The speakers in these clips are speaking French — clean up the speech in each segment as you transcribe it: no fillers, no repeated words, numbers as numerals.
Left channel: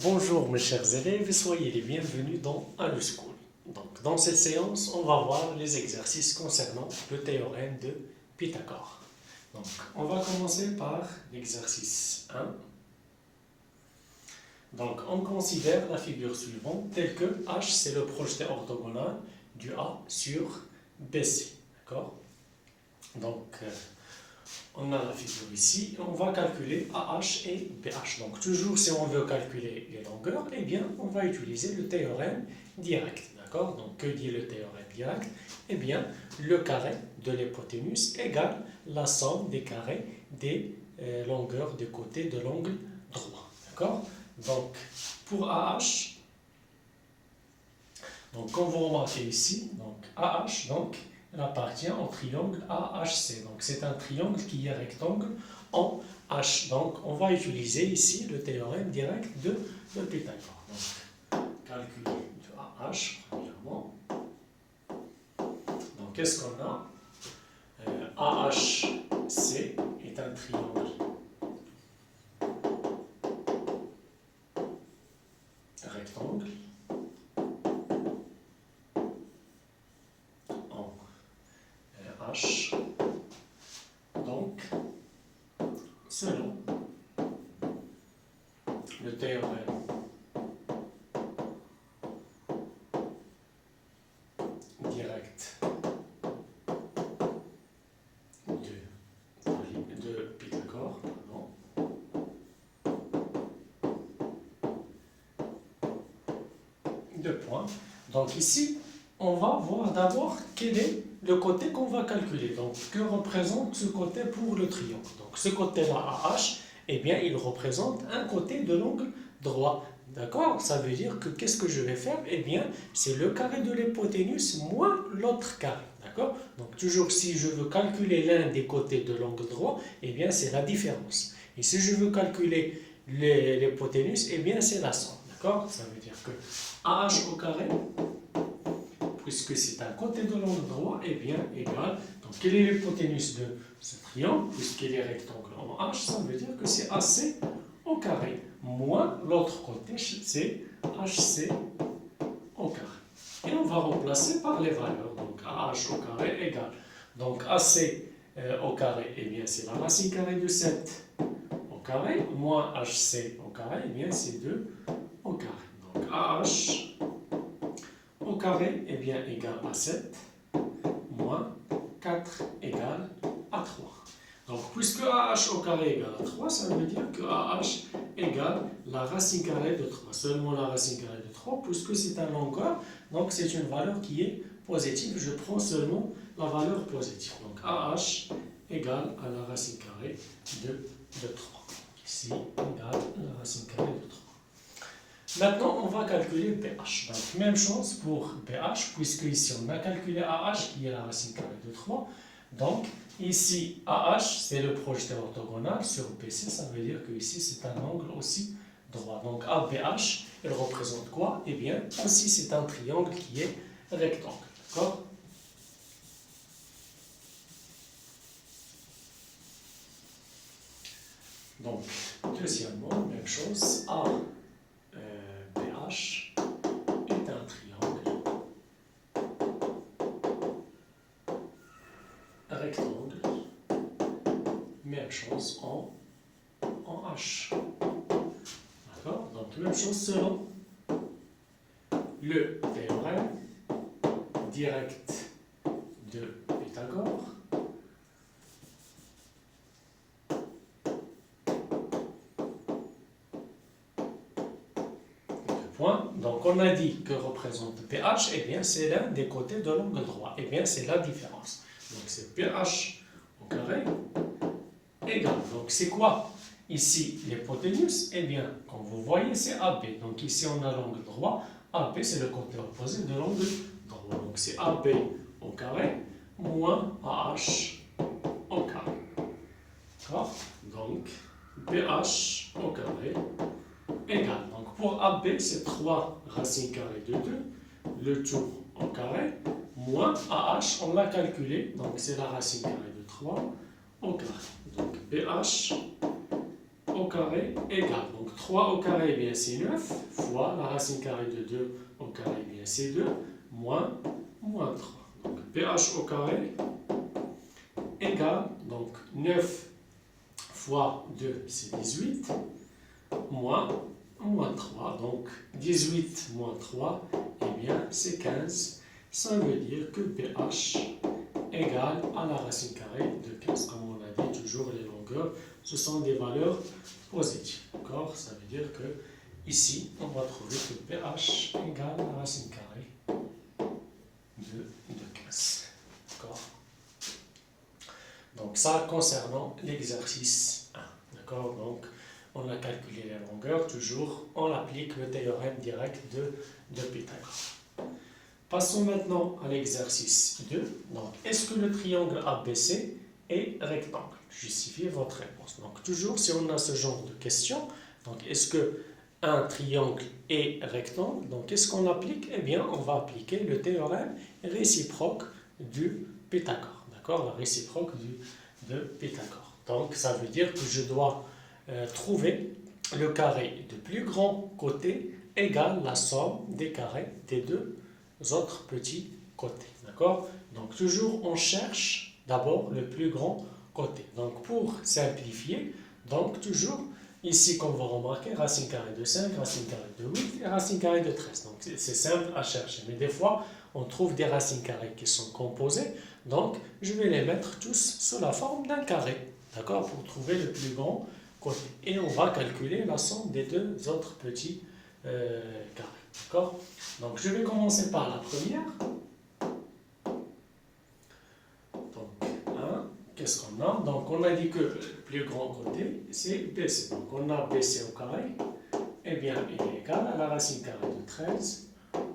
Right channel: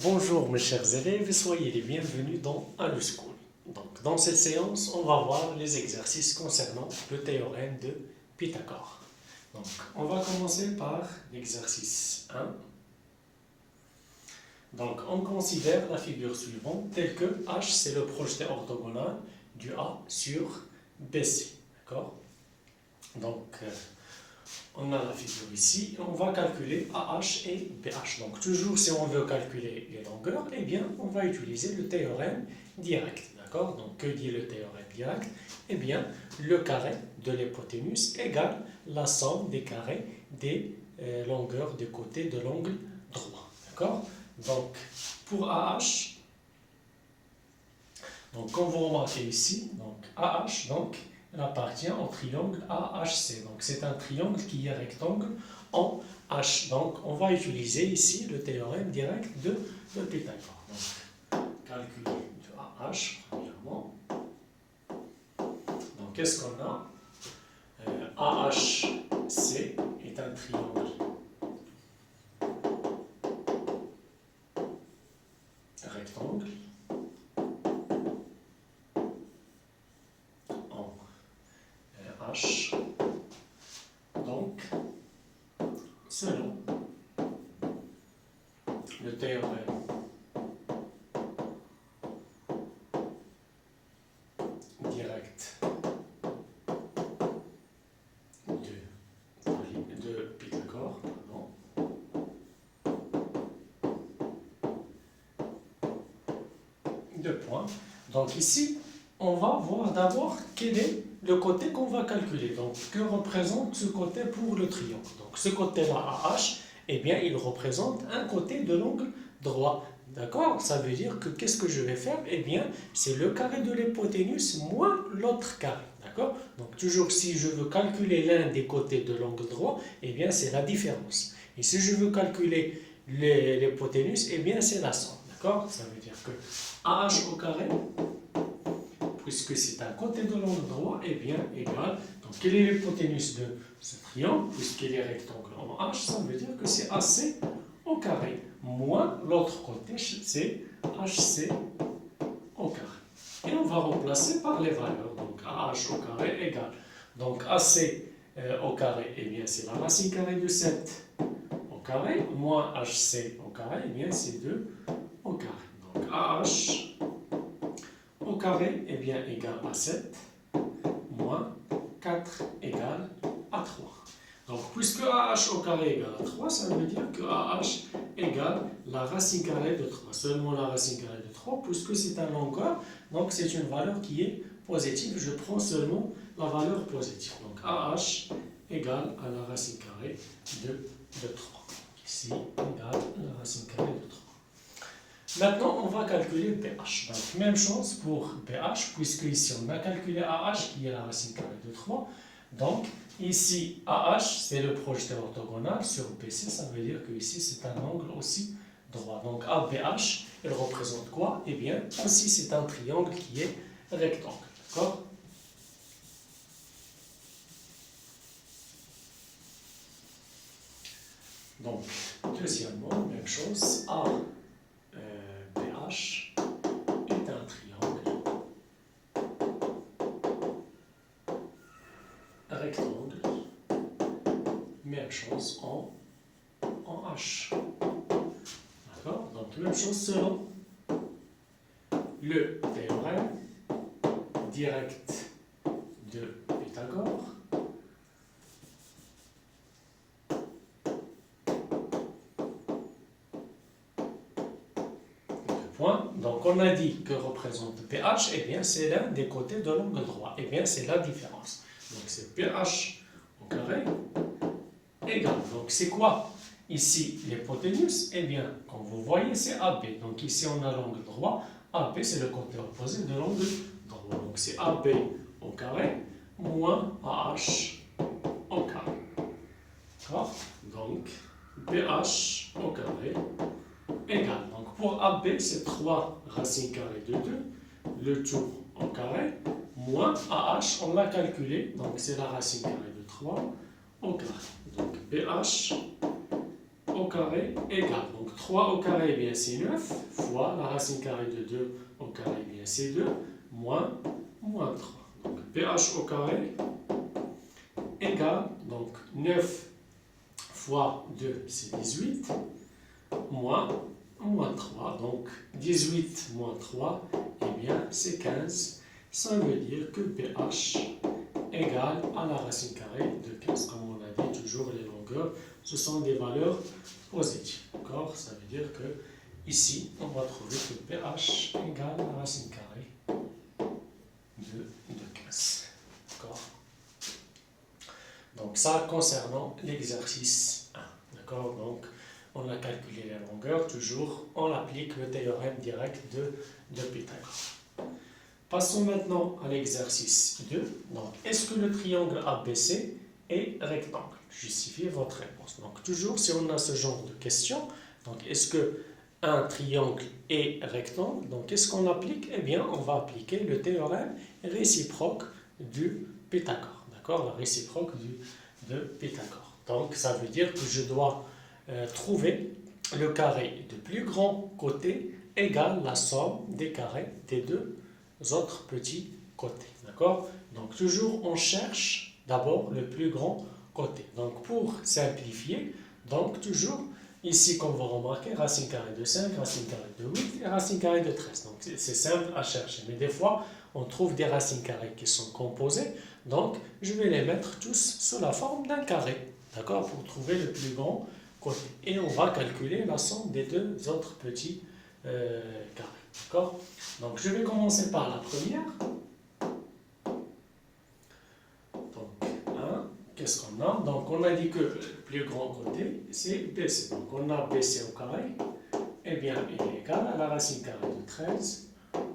Bonjour mes chers élèves et soyez les bienvenus dans AluSchool. Donc, dans cette séance, on va voir les exercices concernant le théorème de Pythagore. Donc, on va commencer par l'exercice 1. Donc, on considère la figure suivante telle que H c'est le projeté orthogonal du A sur BC. D'accord? Donc, on a la figure ici et on va calculer AH et BH. Donc toujours si on veut calculer les longueurs, eh bien on va utiliser le théorème direct. D'accord? Donc que dit le théorème direct? Eh bien le carré de l'hypoténuse égale la somme des carrés des longueurs des côtés de l'angle droit. D'accord? Donc pour AH, donc comme vous remarquez ici, donc AH, donc elle appartient au triangle AHC. Donc c'est un triangle qui est rectangle en H. Donc on va utiliser ici le théorème direct de Pythagore. Donc calculer de AH premièrement. Donc qu'est-ce qu'on a? AHC est un triangle rectangle H. Donc, selon le théorème direct de Pythagore, deux points. Donc ici, on va voir d'abord quel est le côté qu'on va calculer. Donc, que représente ce côté pour le triangle? Donc, ce côté-là, AH, eh bien, il représente un côté de l'angle droit. D'accord? Ça veut dire que qu'est-ce que je vais faire? Eh bien, c'est le carré de l'hypoténuse moins l'autre carré. D'accord? Donc, toujours si je veux calculer l'un des côtés de l'angle droit, eh bien, c'est la différence. Et si je veux calculer l'hypoténuse, eh bien, c'est la somme. D'accord? Ça veut dire que AH au carré, puisque c'est un côté de l'angle droit, et bien égal. Donc, quelle est l'hypoténuse de ce triangle? Puisqu'il est rectangle en H, ça veut dire que c'est AC au carré, moins l'autre côté, c'est HC au carré. Et on va remplacer par les valeurs. Donc, AH au carré égale. Donc, AC au carré, et bien c'est la racine carrée de 7 au carré, moins HC au carré, et bien c'est 2 au carré. Donc, AH au carré est bien égal à 7 moins 4 égale à 3. Donc, puisque AH au carré égale à 3, ça veut dire que AH égale la racine carrée de 3. Seulement la racine carrée de 3, puisque c'est un longueur, donc c'est une valeur qui est positive. Je prends seulement la valeur positive. Donc, AH égale à la racine carrée de 3. Ici, égale la racine carrée de 3. Maintenant, on va calculer BH. Donc, même chose pour BH, puisque ici, on a calculé AH, qui est la racine carrée de 3. Donc, ici, AH, c'est le projeté orthogonal sur BC. Ça veut dire que ici, c'est un angle aussi droit. Donc, ABH, elle représente quoi? Eh bien, ici, c'est un triangle qui est rectangle. D'accord? Donc, deuxièmement, même chose, BH est un triangle rectangle, même chose en H. D'accord? Donc, même chose selon le théorème direct de Pythagore. Donc, on a dit que représente PH, et bien c'est l'un des côtés de l'angle droit. Et bien c'est la différence. Donc c'est PH au carré égale. Donc c'est quoi ici l'hypoténuse? Et bien, comme vous voyez, c'est AB. Donc ici on a l'angle droit. AB c'est le côté opposé de l'angle droit. Donc c'est AB au carré moins AH au carré. D'accord? Donc PH au carré égale. Donc pour AB, c'est 3 racines carrées de 2, le tout au carré, moins AH, on l'a calculé, donc c'est la racine carrée de 3 au carré. Donc BH au carré égale. Donc 3 au carré, eh bien c'est 9 fois la racine carrée de 2 au carré, eh bien c'est 2 moins 3. Donc pH au carré égale, donc 9 fois 2 c'est 18 moins 3. Donc 18 moins 3, eh bien c'est 15. Ça veut dire que pH égale à la racine carrée de 15. Comme on a dit, toujours les longueurs, ce sont des valeurs positives. D'accord? Ça veut dire que ici, on va trouver que pH égale à la racine carrée de 15. D'accord? Donc ça concernant l'exercice 1. D'accord? Donc on a calculé les longueurs, toujours on applique le théorème direct de Pythagore. Passons maintenant à l'exercice 2. Donc, est-ce que le triangle ABC est rectangle? Justifiez votre réponse. Donc, toujours si on a ce genre de question, donc est-ce que un triangle est rectangle? Donc, qu'est-ce qu'on applique? Eh bien, on va appliquer le théorème réciproque du Pythagore. D'accord? La réciproque de Pythagore. Donc, ça veut dire que je dois trouver le carré de plus grand côté égale la somme des carrés des deux autres petits côtés. D'accord? Donc, toujours, on cherche d'abord le plus grand côté. Donc, pour simplifier, donc, toujours, ici, qu'on va remarquer, racine carrée de 5, racine carrée de 8 et racine carrée de 13. Donc, c'est simple à chercher. Mais des fois, on trouve des racines carrées qui sont composées. Donc, je vais les mettre tous sous la forme d'un carré. D'accord? Pour trouver le plus grand côté. Et on va calculer la somme des deux autres petits carrés. D'accord? Donc, je vais commencer par la première. Donc, 1, qu'est-ce qu'on a? Donc, on a dit que le plus grand côté, c'est BC. Donc, on a BC au carré. Eh bien, il est égal à la racine carrée de 13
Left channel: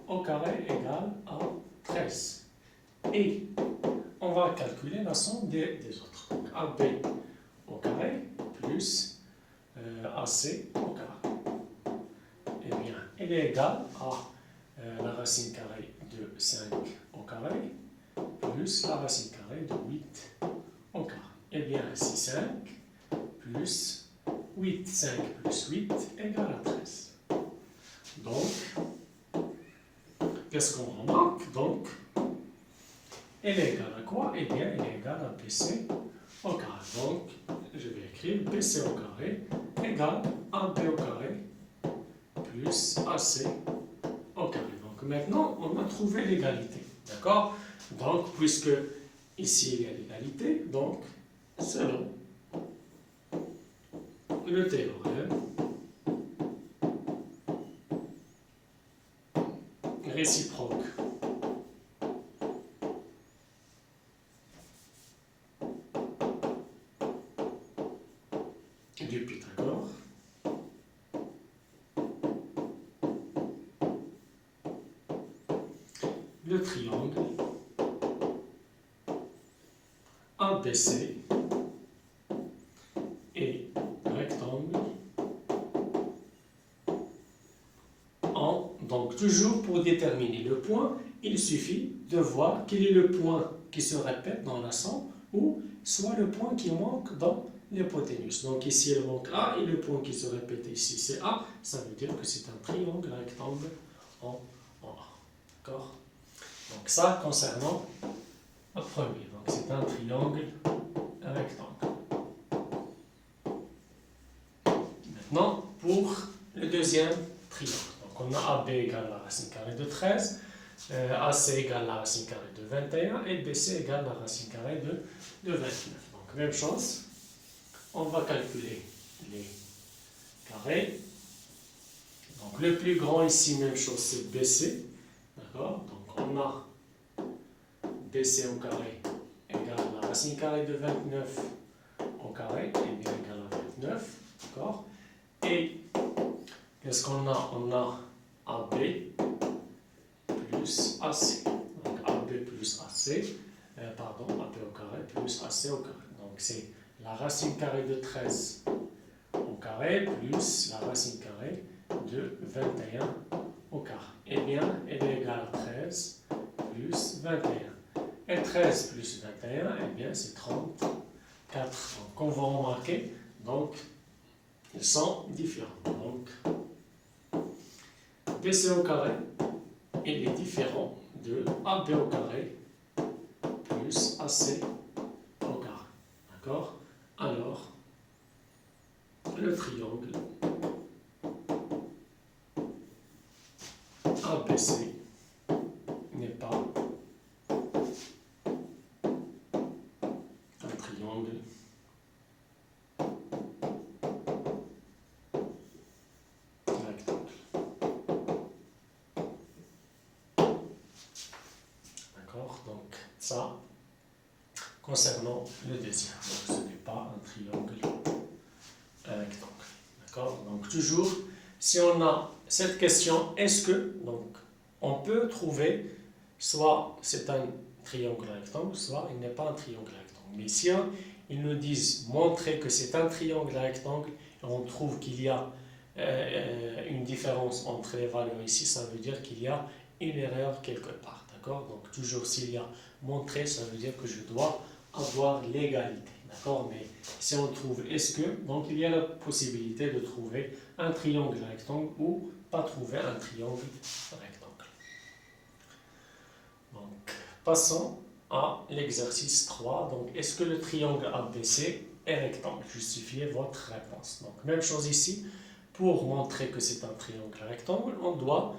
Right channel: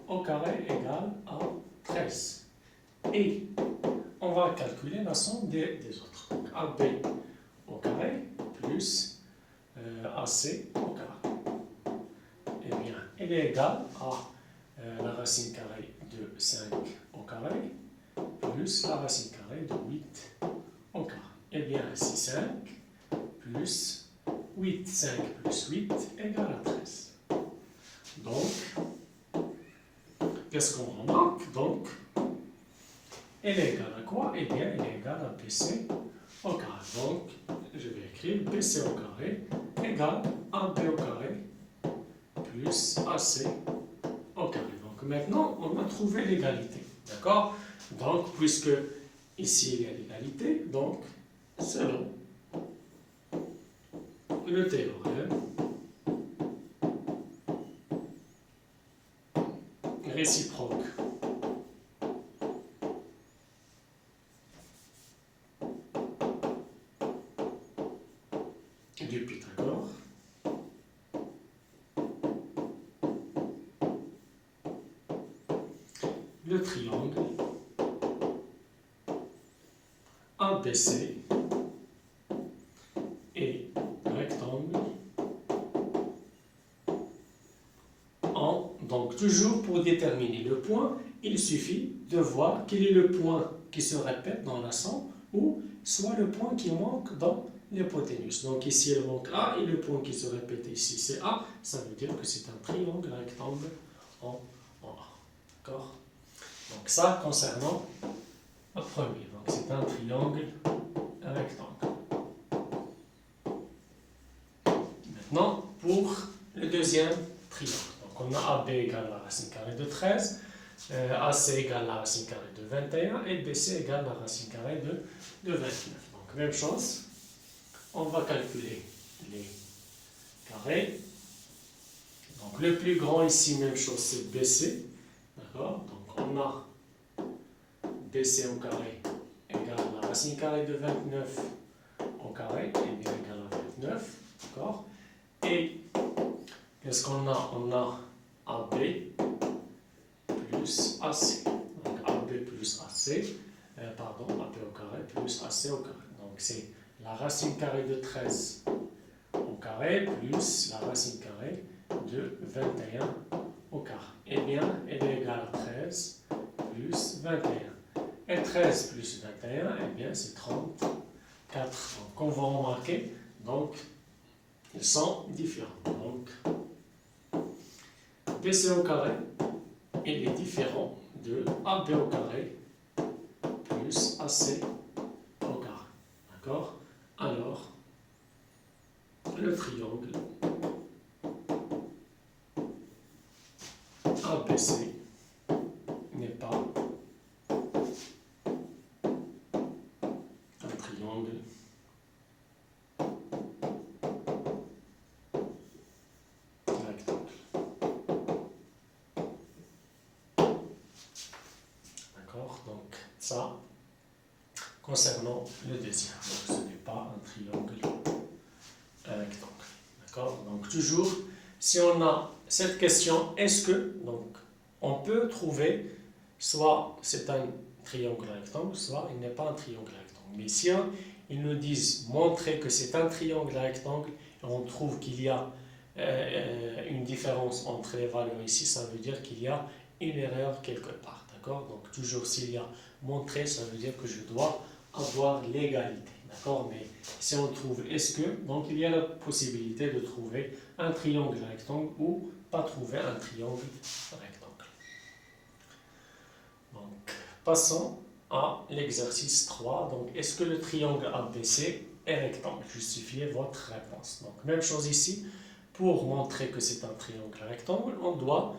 au carré égale à 13. Et on va calculer la somme des autres. Donc, AB au carré plus AC au carré. Eh bien, il est égal à la racine carrée de 5 au carré plus la racine carrée de 8 au carré. Eh bien, ici 5 plus 8, 5 plus 8 égale à 13. Donc, qu'est-ce qu'on remarque? Donc, il est égal à quoi? Eh bien, il est égal à BC au carré. Donc, je vais écrire BC au carré égale à AB au carré plus AC au carré. Donc maintenant, on a trouvé l'égalité. D'accord? Donc, puisque ici il y a l'égalité, donc, selon le théorème réciproque du Pythagore, le triangle ABC est rectangle en... Donc, toujours pour déterminer le point, il suffit de voir quel est le point qui se répète dans la somme ou soit le point qui manque dans l'hypoténuse. Donc, ici, il manque A et le point qui se répète ici, c'est A. Ça veut dire que c'est un triangle rectangle en A. D'accord? Donc, ça concernant le premier. Donc, c'est un triangle rectangle. Maintenant, pour le deuxième triangle. Donc, on a AB égale la racine carrée de 13, AC égale la racine carrée de 21 et BC égale la racine carrée de 29. Donc, même chose. On va calculer les carrés. Donc, le plus grand ici, même chose, c'est BC. D'accord? Donc, on a BC au carré égale la racine carrée de 29 au carré, et bien égale à 29. D'accord? Et qu'est-ce qu'on a? On a AB plus AC. Donc, AB plus AC, pardon, AB au carré plus AC au carré. Donc, c'est la racine carrée de 13 au carré plus la racine carrée de 21 au carré. Eh bien, elle est égale à 13 plus 21. Et 13 plus 21, eh bien, c'est 34. Donc, on va remarquer, donc, ils sont différents. Donc, BC au carré, il est différent de AB au carré plus AC au carré. D'accord? Alors, le triangle ABC n'est pas un triangle rectangle. D'accord? Donc, ça, concernant le deuxième. Donc, ce n'est pas un triangle rectangle. D'accord? Donc, toujours, si on a cette question, est-ce que, donc, on peut trouver soit c'est un triangle rectangle, soit il n'est pas un triangle rectangle. Mais si ils nous disent montrer que c'est un triangle rectangle, et on trouve qu'il y a une différence entre les valeurs ici, ça veut dire qu'il y a une erreur quelque part. D'accord? Donc, toujours s'il y a montrer, ça veut dire que je dois avoir l'égalité. D'accord? Mais si on trouve est-ce que, donc il y a la possibilité de trouver un triangle rectangle ou pas trouver un triangle rectangle. Donc, passons à l'exercice 3. Donc, est-ce que le triangle ABC est rectangle? Justifiez votre réponse. Donc, même chose ici. Pour montrer que c'est un triangle rectangle, on doit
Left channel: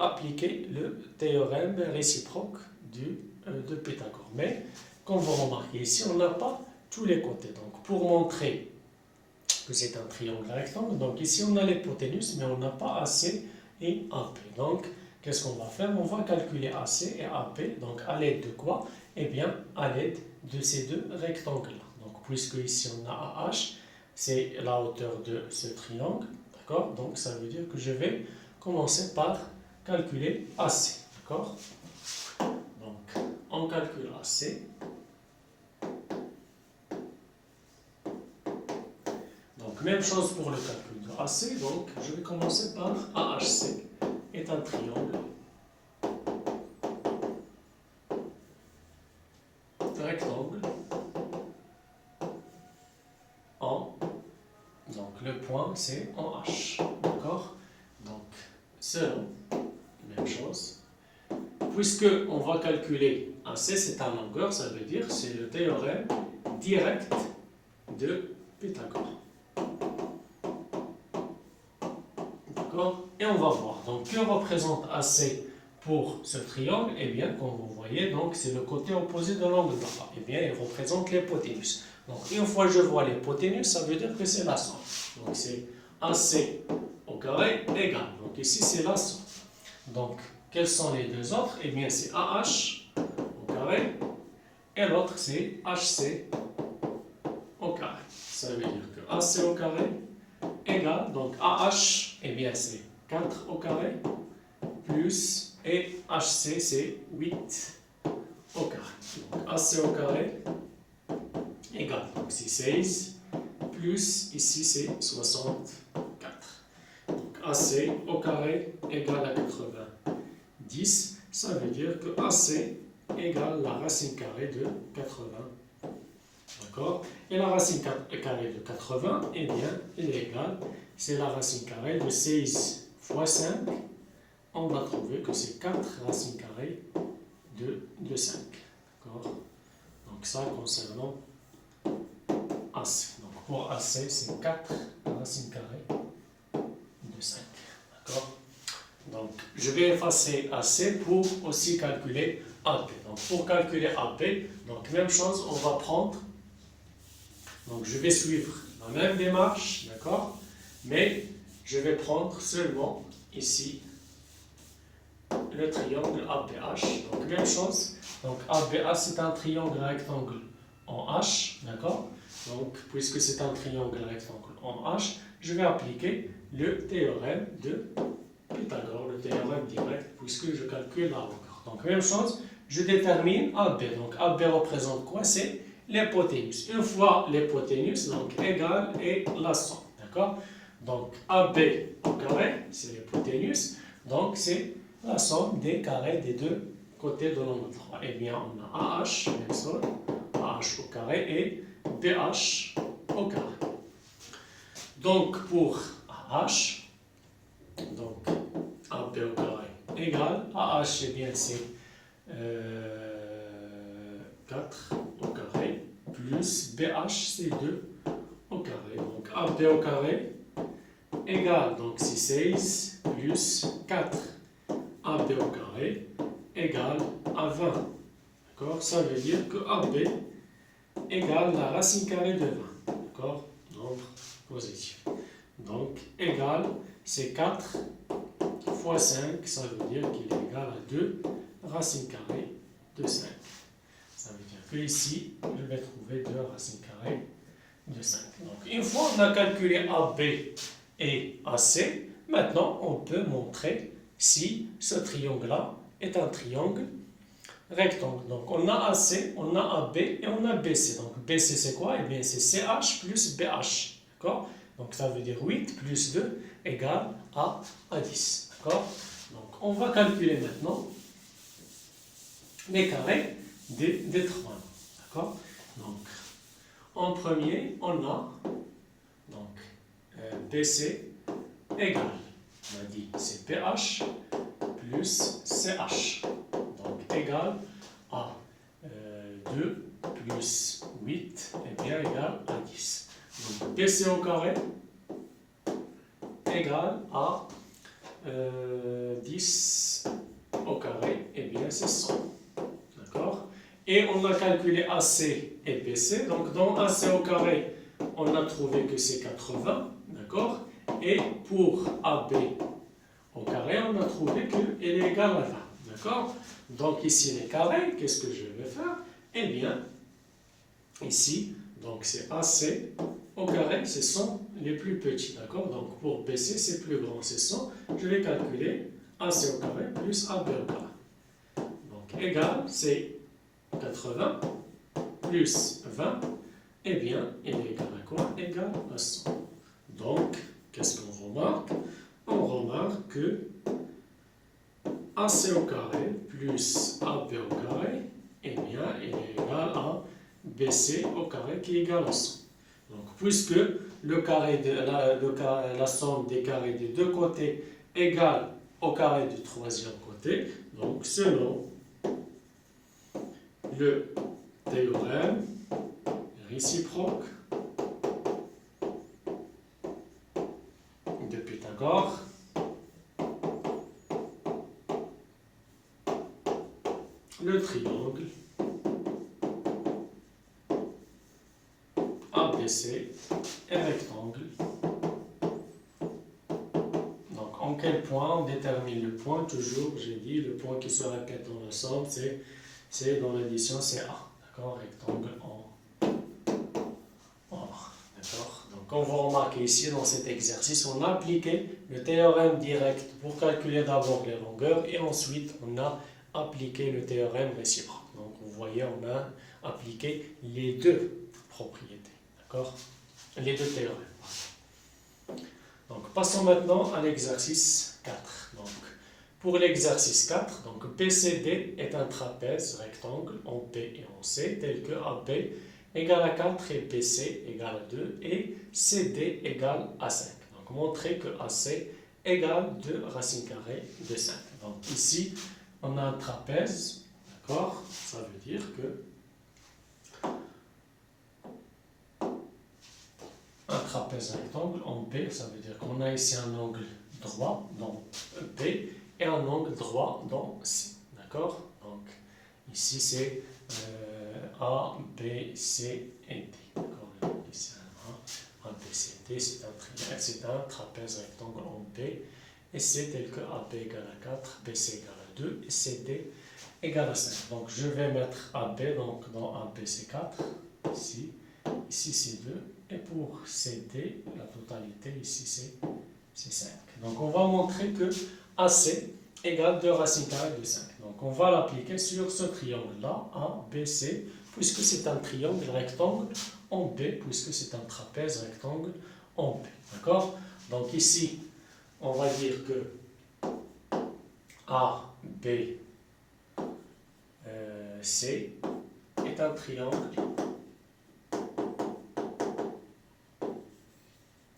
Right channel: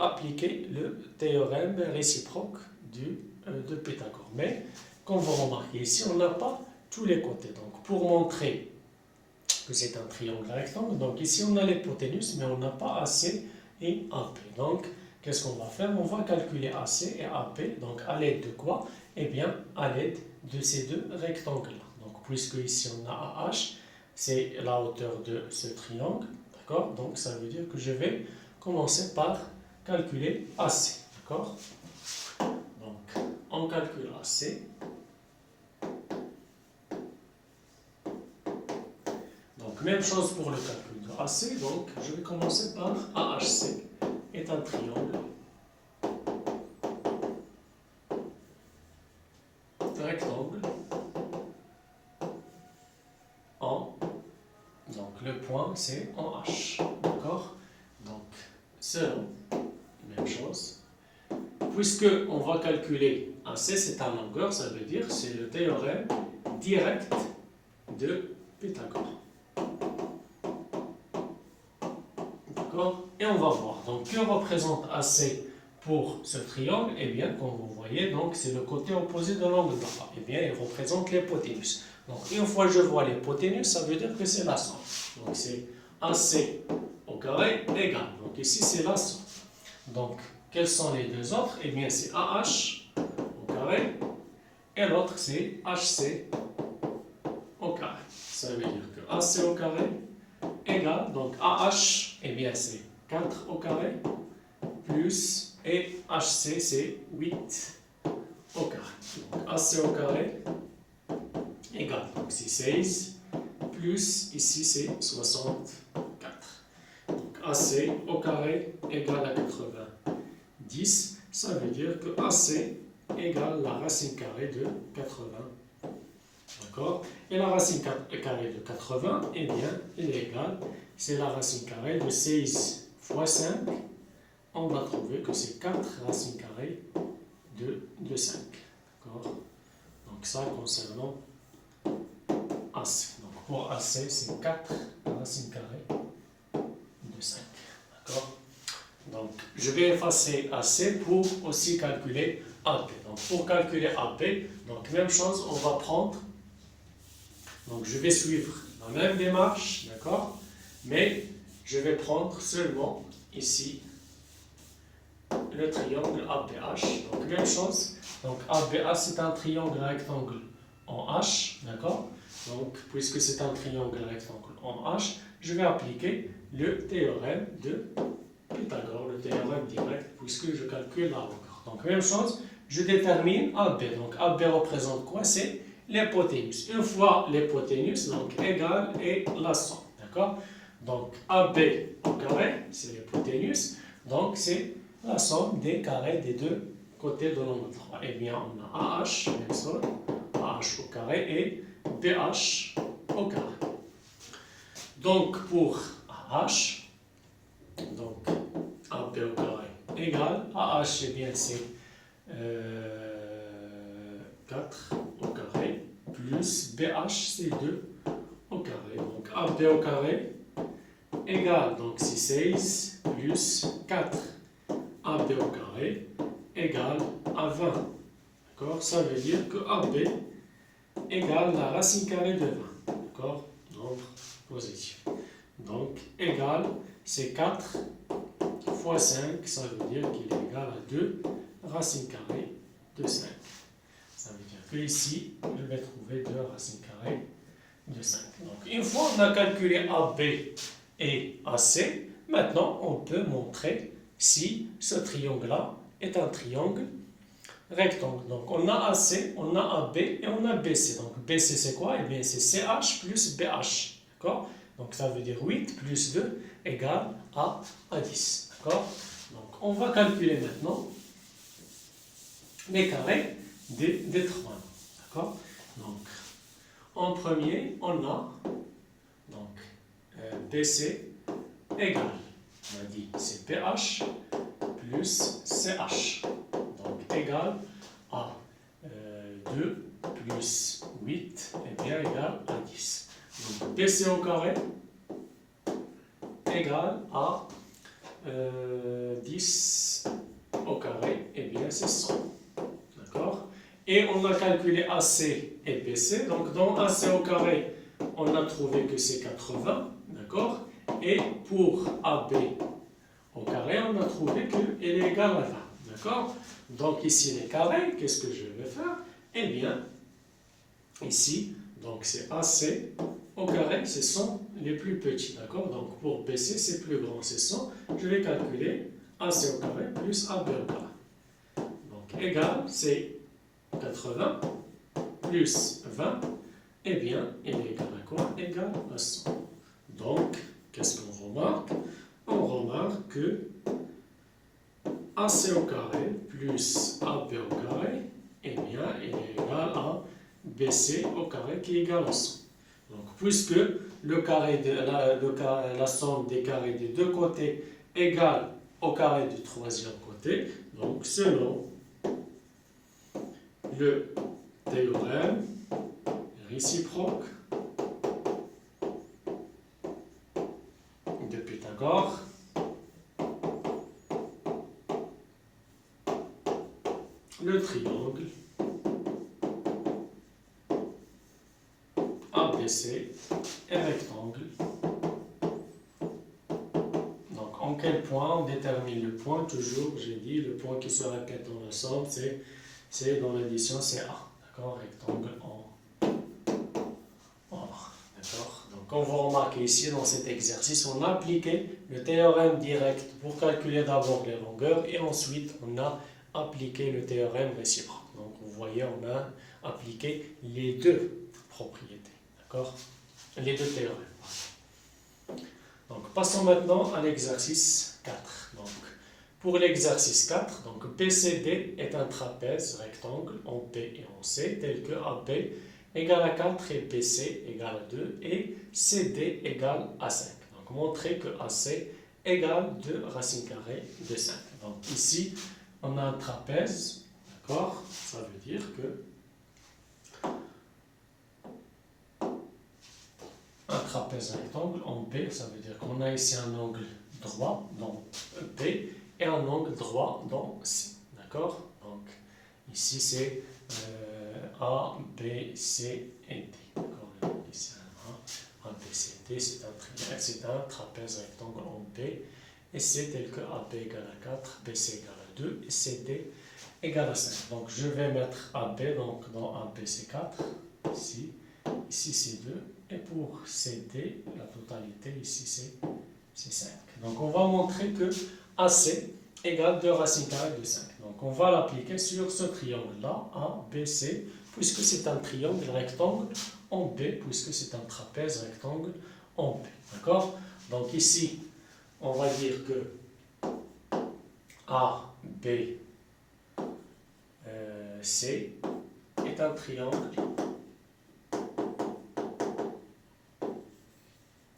appliquer le théorème réciproque de Pythagore. Mais, comme vous remarquez ici, on n'a pas tous les côtés. Donc, pour montrer que c'est un triangle rectangle, donc ici on a l'hypoténuse, mais on n'a pas AC et AP. Donc, qu'est-ce qu'on va faire? On va calculer AC et AP. Donc, à l'aide de quoi? Eh bien, à l'aide de ces deux rectangles-là. Donc, puisque ici on a AH, c'est la hauteur de ce triangle. D'accord? Donc, ça veut dire que je vais commencer par calculer AC. D'accord? Donc, on calcule AC. Donc, même chose pour le calcul de AC. Donc, je vais commencer par AHC est un triangle rectangle en, donc le point c'est en H. D'accord? Donc, selon, même chose. Puisque on va calculer AC, c'est en longueur, ça veut dire c'est le théorème direct de Pythagore. D'accord? Et on va voir. Donc, que représente AC pour ce triangle? Eh bien, comme vous voyez, donc c'est le côté opposé de l'angle droit. Eh bien, il représente l'hypoténuse. Donc, une fois que je vois l'hypoténuse, ça veut dire que c'est la somme. Donc, c'est AC au carré égale. Donc, ici, c'est la somme. Donc, quels sont les deux autres? Eh bien, c'est AH au carré et l'autre, c'est HC au carré. Ça veut dire que AC au carré égale, donc AH, eh bien, c'est 4 au carré plus, et HC, c'est 8 au carré. Donc, AC au carré égale, donc c'est 16 plus, ici, c'est 64. Donc, AC au carré égale à 90. Ça veut dire que AC égale la racine carrée de 80. D'accord? Et la racine carrée de 80, eh bien, elle est égale, c'est la racine carrée de 16 fois 5. On va trouver que c'est 4 racines carrées de 5. D'accord? Donc, ça concernant AC. Donc, pour AC, c'est 4 racines carrées de 5. D'accord? Donc, je vais effacer AC pour aussi calculer AP. Donc, pour calculer AP, donc, même chose, on va prendre. Donc, je vais suivre la même démarche, d'accord? Mais je vais prendre seulement ici le triangle ABH. Donc, même chose. Donc, ABH, c'est un triangle rectangle en H, d'accord? Donc, puisque c'est un triangle rectangle en H, je vais appliquer le théorème de Pythagore, le théorème direct, puisque je calcule la longueur. Donc, même chose, je détermine AB. Donc, AB représente quoi? C'est l'hypoténuse. Une fois l'hypoténuse, donc égale et la somme. D'accord? Donc, AB au carré, c'est l'hypoténuse. Donc, c'est la somme des carrés des deux côtés de l'angle droit. Eh bien, on a AH, même chose, AH au carré et BH au carré. Donc, pour AH, donc AB au carré égale AH, eh bien c'est 4 au carré plus BH, c'est 2 au carré. Donc AB au carré égale, donc c'est 16 plus 4 AB au carré égale à 20. D'accord? Ça veut dire que AB égale la racine carrée de 20. D'accord? Nombre positif. Donc égale, c'est 4 fois 5, ça veut dire qu'il est égal à 2 racine carrée de 5. Ça veut dire que ici, je vais trouver 2 racines carrées de 5. Donc, une fois qu'on a calculé AB et AC, maintenant on peut montrer si ce triangle-là est un triangle rectangle. Donc, on a AC, on a AB et on a BC. Donc, BC c'est quoi? Eh bien, c'est CH plus BH. D'accord? Donc, ça veut dire 8 plus 2 égale à 10. D'accord? Donc, on va calculer maintenant les carrés des trois. D'accord? Donc, en premier, on a donc, BC égale, on a dit, c'est PH plus CH. Donc, égal à 2 plus 8, et bien égal à 10. Donc, BC au carré égale à 10 au carré, et bien c'est 100. D'accord? Et on a calculé AC et BC. Donc, dans AC au carré, on a trouvé que c'est 80. D'accord? Et pour AB au carré, on a trouvé qu'elle est égale à 20. D'accord? Donc, ici, les carrés, qu'est-ce que je vais faire? Eh bien, ici, donc c'est AC au carré, ce sont les plus petits. D'accord? Donc, pour BC, c'est plus grand, c'est 100. Je vais calculer AC au carré plus AB au carré. Donc, égal, c'est 80 plus 20, eh bien, il est égal à quoi? Égal à 100. Donc, qu'est-ce qu'on remarque? On remarque que AC au carré plus AB au carré, eh bien, il est égal à BC au carré qui est égal à 100. Donc, puisque la somme des carrés des deux côtés égale au carré du troisième côté, donc selon le théorème réciproque de Pythagore, le triangle ABC est rectangle. Donc, en quel point on détermine le point? Toujours, j'ai dit, le point qui se répète dans l'ensemble, c'est dans l'addition, c'est A. D'accord? Rectangle en or. D'accord? Donc, on va remarquer ici, dans cet exercice, on a appliqué le théorème direct pour calculer d'abord les longueurs et ensuite, on a appliqué le théorème réciproque. Donc, vous voyez, on a appliqué les deux propriétés. D'accord? Les deux théorèmes. Donc, passons maintenant à l'exercice 4. Donc, pour l'exercice 4, donc BCD est un trapèze rectangle en P et en C, tel que AB égale à 4 et BC égale à 2 et CD égale à 5. Donc, montrer que AC égale 2 racines carrées de 5. Donc, ici, on a un trapèze, d'accord? Ça veut dire que un trapèze rectangle en B, ça veut dire qu'on a ici un angle droit dans B et un angle droit dans C. D'accord? Donc, ici c'est A, B, C et D. D'accord? Ici A, B, C, D, c'est un triangle, c'est un trapèze rectangle en B et C tel que AB égale à 4, BC égale à 2 et CD égale à 5. Donc, je vais mettre AB, donc dans AB c'est 4, ici c'est 2. Et pour CD, la totalité ici c'est 5. Donc on va montrer que AC égale 2 racines carrées de 5. Donc on va l'appliquer sur ce triangle-là, ABC, puisque c'est un triangle rectangle en B, puisque c'est un trapèze rectangle en B. D'accord? Donc ici, on va dire que ABC est un triangle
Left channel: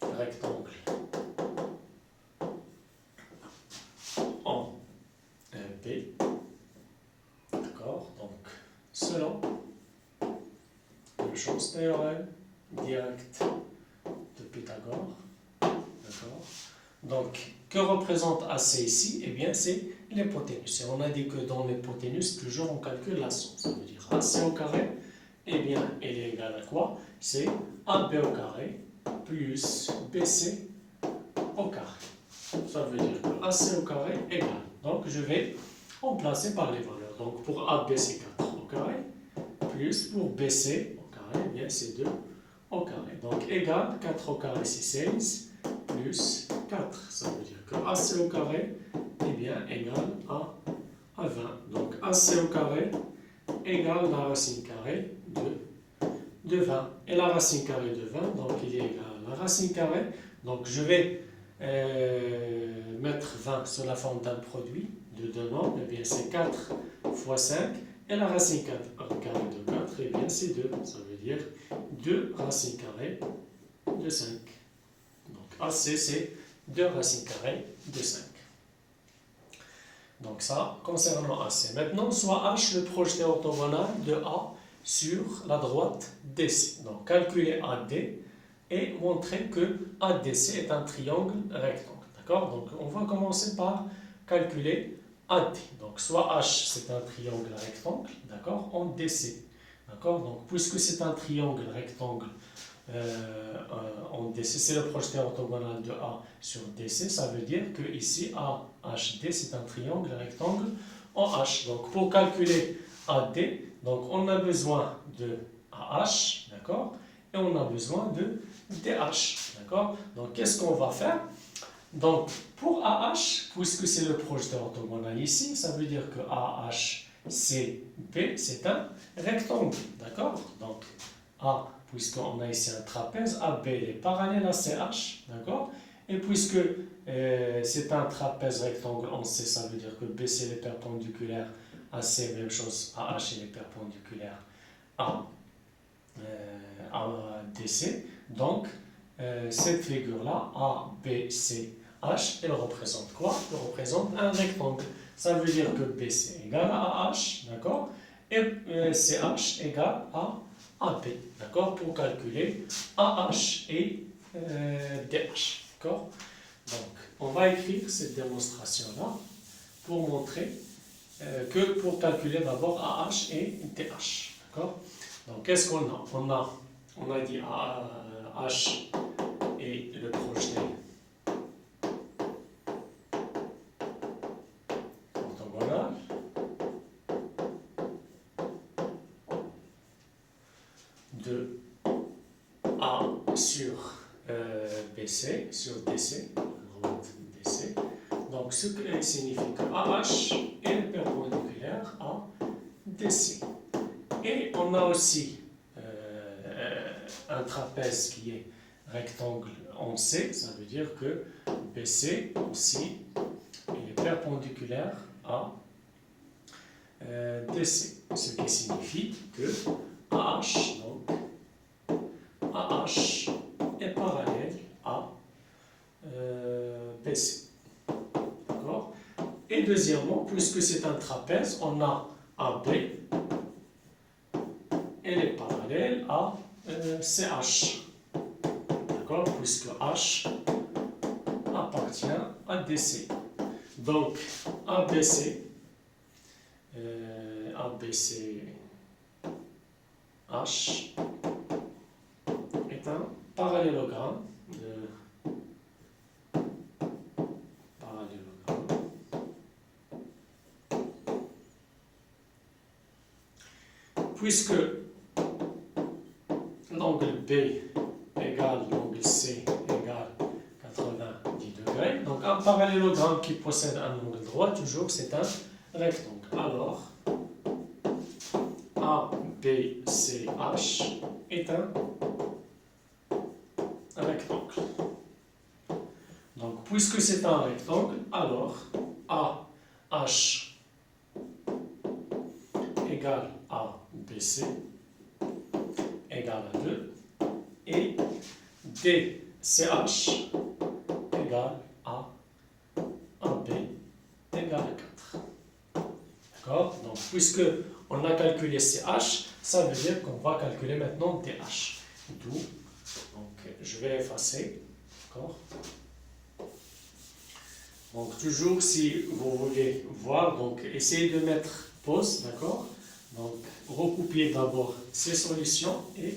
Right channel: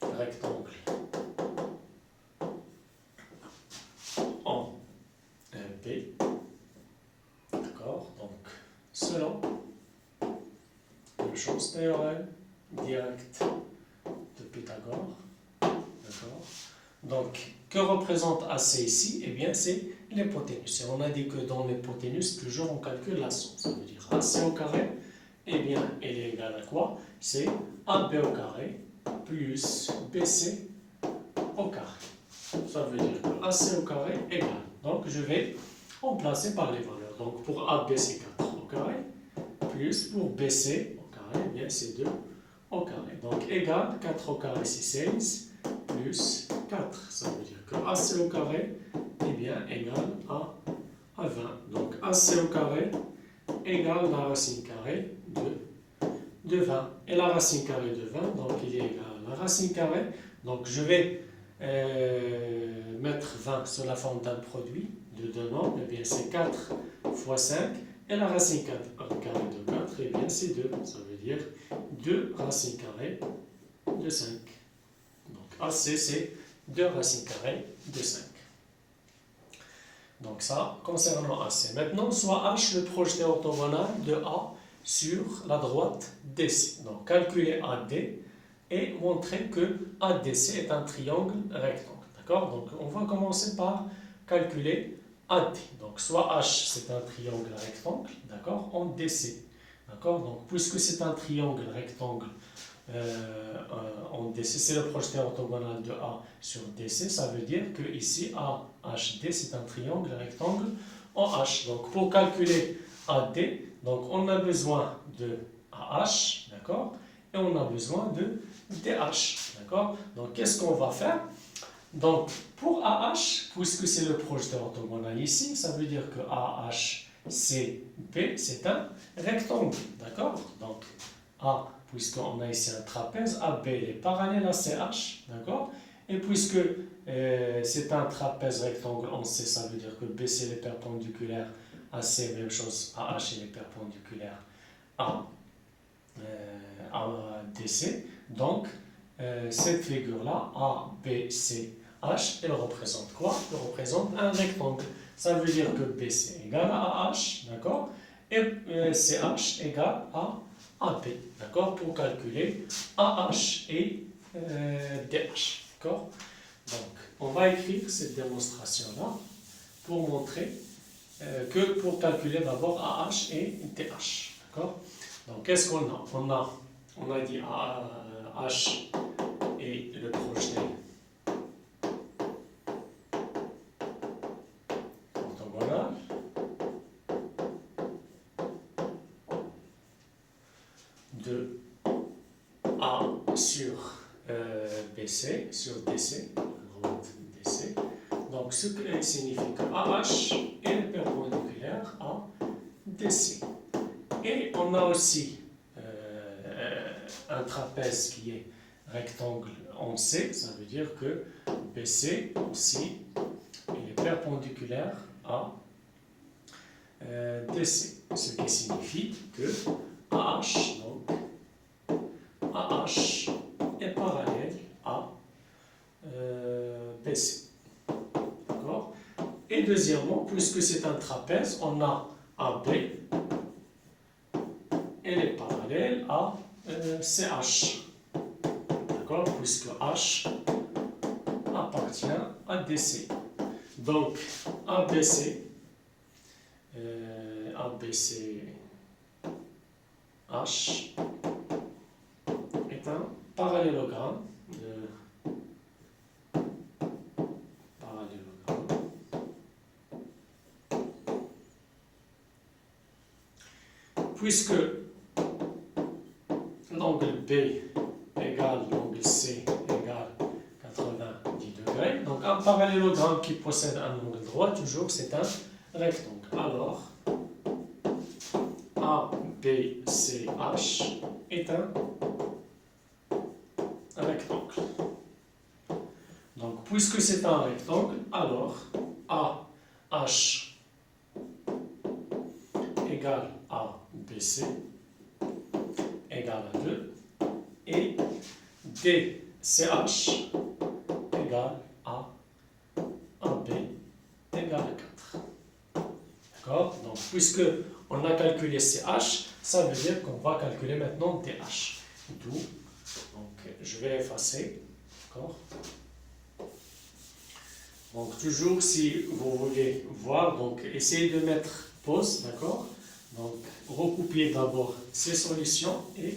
rectangle chose, théorème direct de Pythagore. D'accord. Donc, que représente AC ici? Eh bien, c'est l'hypoténuse. Et on a dit que dans l'hypoténuse, toujours on calcule la somme. Ça veut dire AC au carré, eh bien, elle est égale à quoi? C'est AB au carré plus BC au carré. Ça veut dire que AC au carré égale. Donc, je vais remplacer par les valeurs. Donc, pour AB, c'est 4 au carré, plus pour BC au carré, eh bien, c'est 2 au carré. Donc, égale 4 au carré, c'est 16, plus 4. Ça veut dire que AC au carré, eh bien, égale à 20. Donc, AC au carré égale la racine carrée de 20. Et la racine carrée de 20, donc, il est égal à la racine carrée. Donc, je vais mettre 20 sous la forme d'un produit de deux nombres. Eh bien, c'est 4 fois 5. Et la racine carrée de 4, eh bien, c'est 2. Ça veut dire 2 racines carrées de 5. Donc, AC, c'est 2 racines carrées de 5. Donc, ça, concernant AC. Maintenant, soit H le projeté orthogonal de A sur la droite DC. Donc, calculer AD et montrer que ADC est un triangle rectangle. D'accord? Donc, on va commencer par calculer AD. Donc, soit H, c'est un triangle rectangle, d'accord, en DC. D'accord? Donc, puisque c'est un triangle rectangle en DC, c'est le projeté orthogonal de A sur DC, ça veut dire que ici, AHD, c'est un triangle rectangle en H. Donc, pour calculer AD, donc, on a besoin de AH, d'accord, et on a besoin de DH, d'accord. Donc, qu'est-ce qu'on va faire? Donc, pour AH, puisque c'est le projeté orthogonal ici, ça veut dire que AHCP, c'est un rectangle, d'accord. Donc, A, puisqu'on a ici un trapèze, AB est parallèle à CH, d'accord. Et puisque c'est un trapèze rectangle en C, ça veut dire que BC est perpendiculaire à C, même chose, AH est perpendiculaire à DC. Donc, cette figure-là, A, B, C, H, elle représente quoi? Elle représente un rectangle. Ça veut dire que BC égale à H, d'accord? Et CH égale à AB, d'accord? Pour calculer AH et DH, d'accord? Donc, on va écrire cette démonstration-là pour montrer que pour calculer d'abord AH et DH, d'accord? Donc, qu'est-ce qu'on a? On a dit H et le projeté orthogonal de A sur BC, sur DC, droite DC. Donc, ce qui signifie que AH est perpendiculaire à DC. Et on a aussi un trapèze qui est rectangle en C, ça veut dire que BC aussi est perpendiculaire à DC, ce qui signifie que AH, donc AH est parallèle à BC. D'accord? Et deuxièmement, puisque c'est un trapèze, on a AB, elle est parallèle à CH. D'accord? Puisque H appartient à DC. Donc, ABC, H est un parallélogramme. Puisque l'angle B égale l'angle C égale 90 degrés, donc un parallélogramme qui possède un angle droit, toujours c'est un rectangle. Alors, ABCH est un rectangle. Donc, puisque c'est un rectangle, alors AH égale ABC égale à 2 et DCH égale à AB égale à 4. D'accord? Donc, puisque on a calculé CH, Ça veut dire qu'on va calculer maintenant DH. D'où, donc je vais effacer. D'accord? Donc toujours si vous voulez voir, donc essayez de mettre pause, d'accord? Donc recopiez d'abord ces solutions et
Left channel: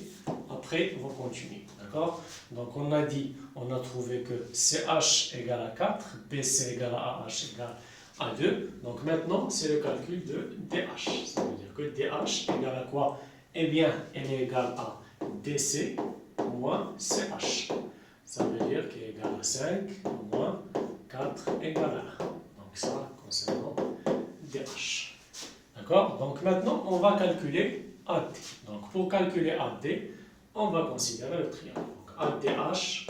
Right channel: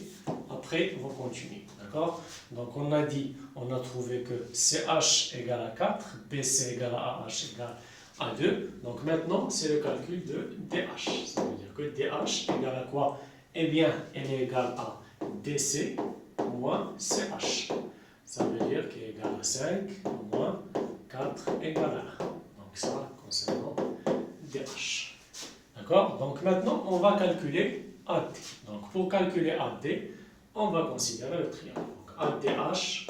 après vous continuez, d'accord? Donc on a dit, on a trouvé que CH égale à 4, BC égale à AH égale à 2. Donc maintenant c'est le calcul de DH. Ça veut dire que DH égale à quoi? Eh bien, elle est égale à DC moins CH. Ça veut dire qu'elle est égale à 5 moins 4 égale à 1. Donc ça concernant DH. D'accord? Donc maintenant, on va calculer AD. Donc pour calculer AD, on va considérer le triangle. Donc ADH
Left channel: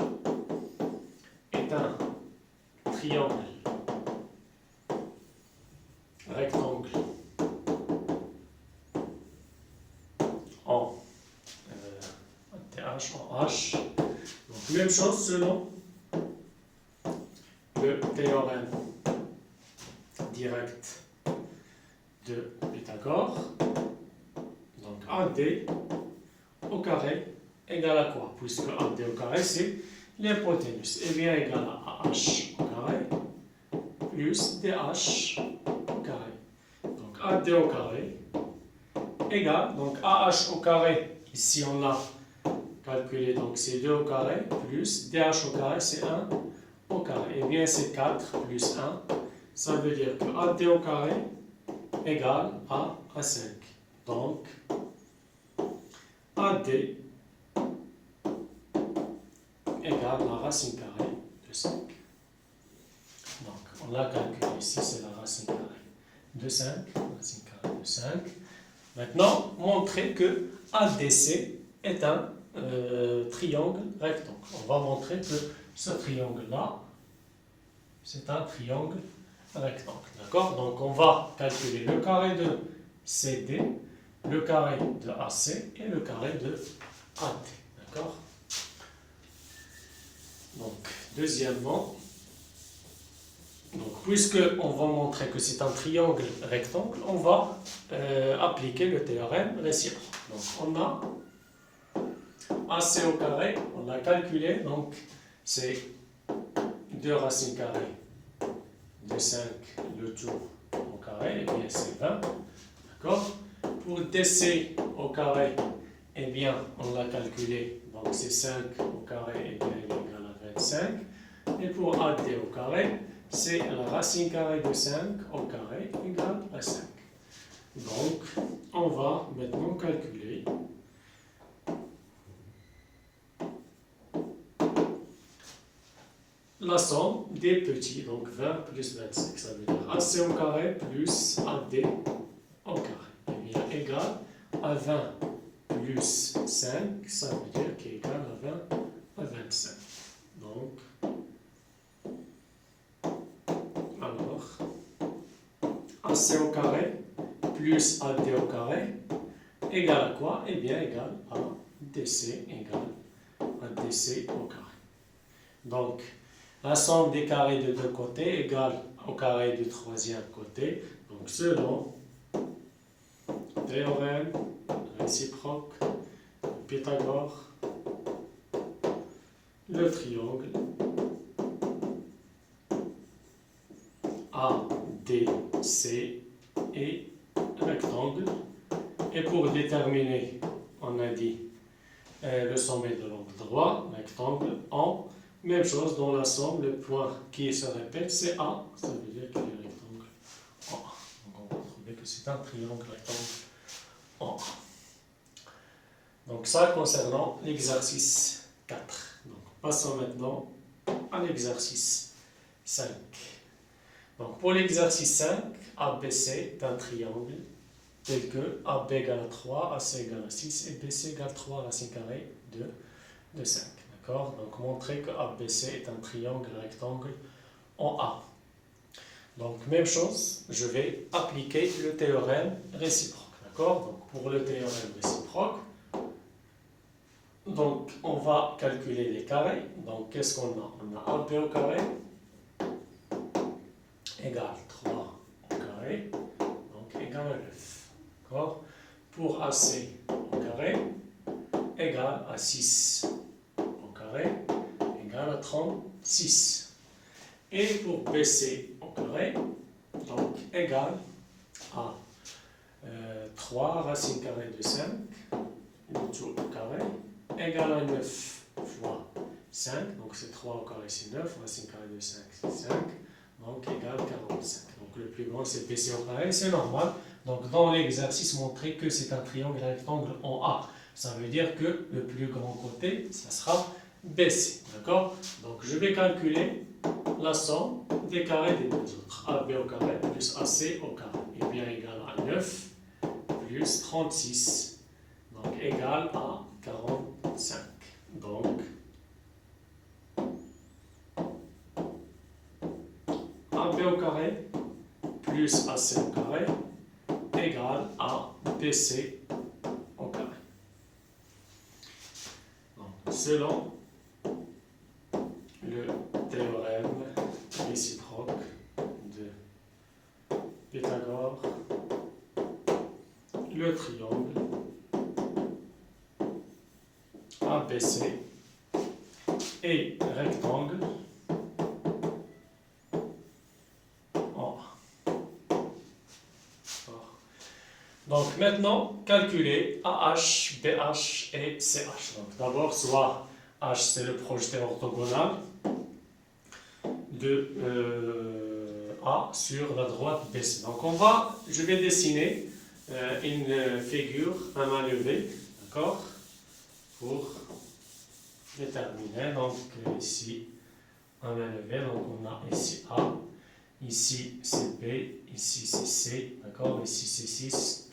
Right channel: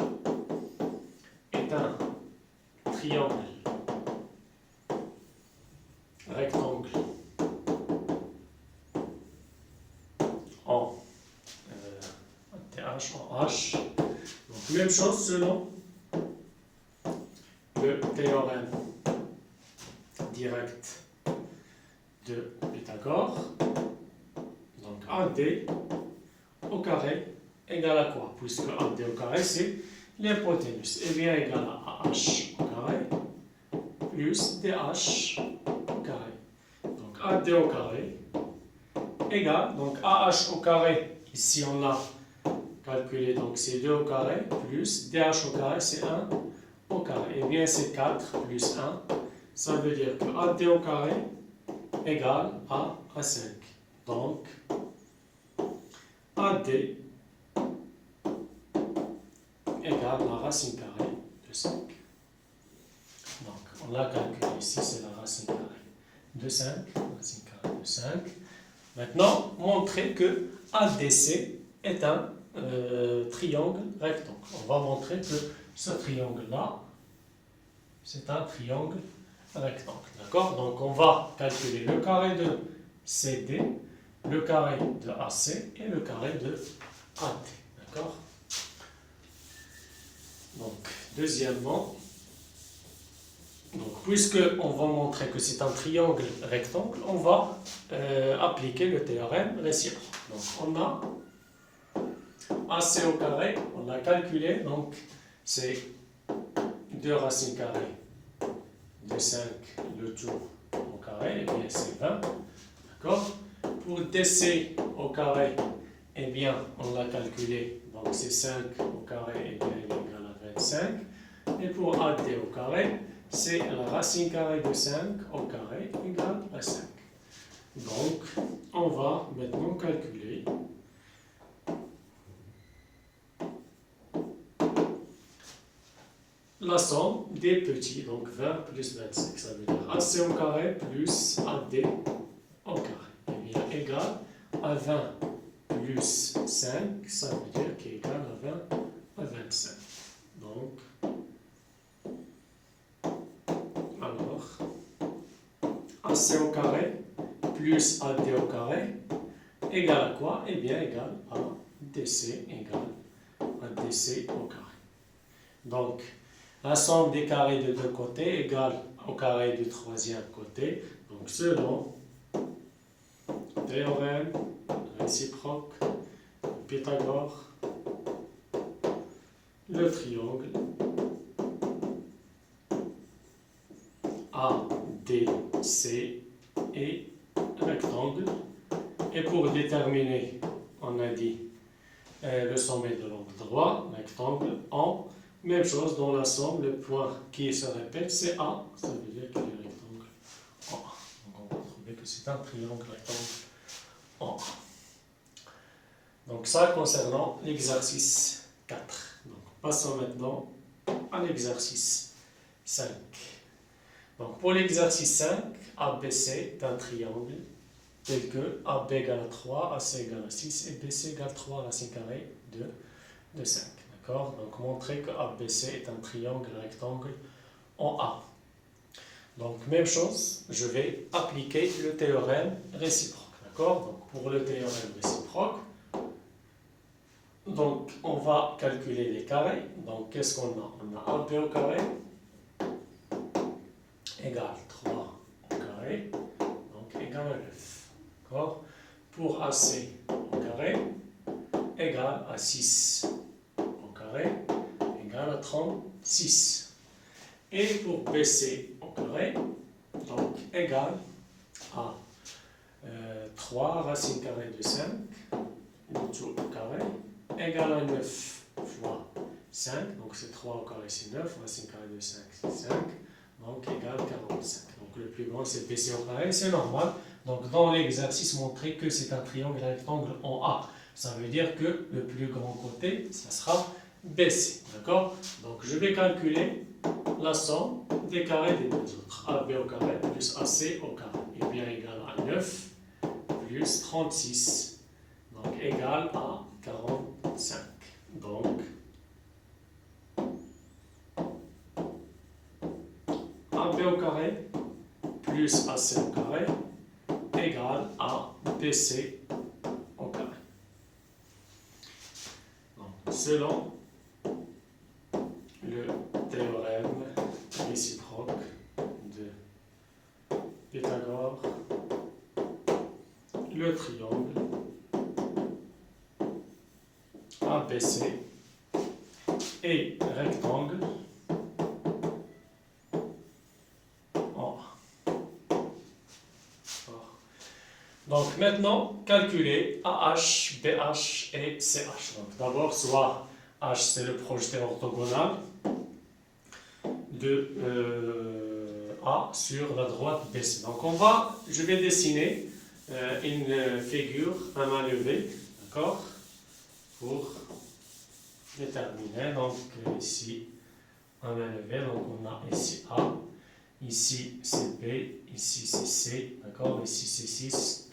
est un triangle rectangle en ADH en H. Donc même chose selon le théorème direct de Pythagore. Donc AD au carré égale à quoi? Puisque AD au carré c'est l'hypoténuse. Et bien égale à AH au carré plus DH au carré. Donc AD au carré égale, donc AH au carré, ici on a calculé, donc c'est 2 au carré plus DH au carré c'est 1 au carré. Et bien c'est 4 plus 1. Ça veut dire que AD au carré égale à 5. Donc, AD égale la racine carrée de 5. Donc, on l'a calculé ici, c'est la racine carrée de 5. Racine carrée de 5. Maintenant, montrer que ADC est un triangle rectangle. On va montrer que ce triangle-là, c'est un triangle rectangle. D'accord? Donc on va calculer le carré de CD, le carré de AC et le carré de AD. D'accord? Donc, deuxièmement, puisque on va montrer que c'est un triangle rectangle, on va appliquer le théorème réciproque. Donc on a AC au carré, on l'a calculé, donc c'est 2 racines carrées de 5 le tout au carré, et bien c'est 20. D'accord? Pour DC au carré, eh bien on l'a calculé, donc c'est 5 au carré, et bien il est égal à 25. Et pour AD au carré, c'est la racine carrée de 5 au carré égale à 5. Donc on va maintenant calculer la somme des petits, donc 20 plus 25, ça veut dire AC au carré plus AD au carré. Et bien égal à 20 plus 5, ça veut dire qu'il est égal à 20 à 25. Donc, alors, AC au carré plus AD au carré égale à quoi? Eh bien égal à DC égale à DC au carré. Donc, la somme des carrés de deux côtés égale au carré du troisième côté. Donc, selon le théorème réciproque de Pythagore, le triangle ADC est rectangle. Et pour déterminer, on a dit le sommet de l'angle droit, rectangle en même chose dans la somme, le point qui se répète, c'est A, ça veut dire qu'il est rectangle en A. Donc on va trouver que c'est un triangle rectangle en A. Donc ça concernant l'exercice 4. Donc passons maintenant à l'exercice 5. Donc pour l'exercice 5, ABC est un triangle tel que AB égale à 3, AC égale à 6 et BC égale à 3 racine carrée de 5. D'accord? Donc, montrer que ABC est un triangle rectangle en A. Donc, même chose, je vais appliquer le théorème réciproque. D'accord? Donc, pour le théorème réciproque, donc, on va calculer les carrés. Donc, qu'est-ce qu'on a? On a AB au carré égale 3 au carré, donc égal à 9. D'accord? Pour AC, à 6 au carré égale à 36. Et pour BC au carré, donc égal à 3 racine carrée de 5, le tout au carré, égal à 9 fois 5, donc c'est 3 au carré, c'est 9, racine carrée de 5, c'est 5, donc égal à 45. Donc le plus grand c'est BC au carré, c'est normal. Donc dans l'exercice, montrer que c'est un triangle rectangle en A. Ça veut dire que le plus grand côté, ça sera BC. D'accord? Donc je vais calculer la somme des carrés des deux autres. AB au carré plus AC au carré. Et bien égal à 9 plus 36. Donc égal à 45. Donc AB au carré plus AC au carré égale à BC au carré. Donc selon le théorème réciproque de Pythagore, le triangle ABC est rectangle en A. Donc maintenant, calculer AH, BH et CH. Donc d'abord, soit H c'est le projeté orthogonal de A sur la droite BC. Donc je vais dessiner une figure à main levée, d'accord, pour déterminer. Donc ici à main levée, donc on a ici A, ici c'est B, ici c'est C, d'accord, ici c'est 6,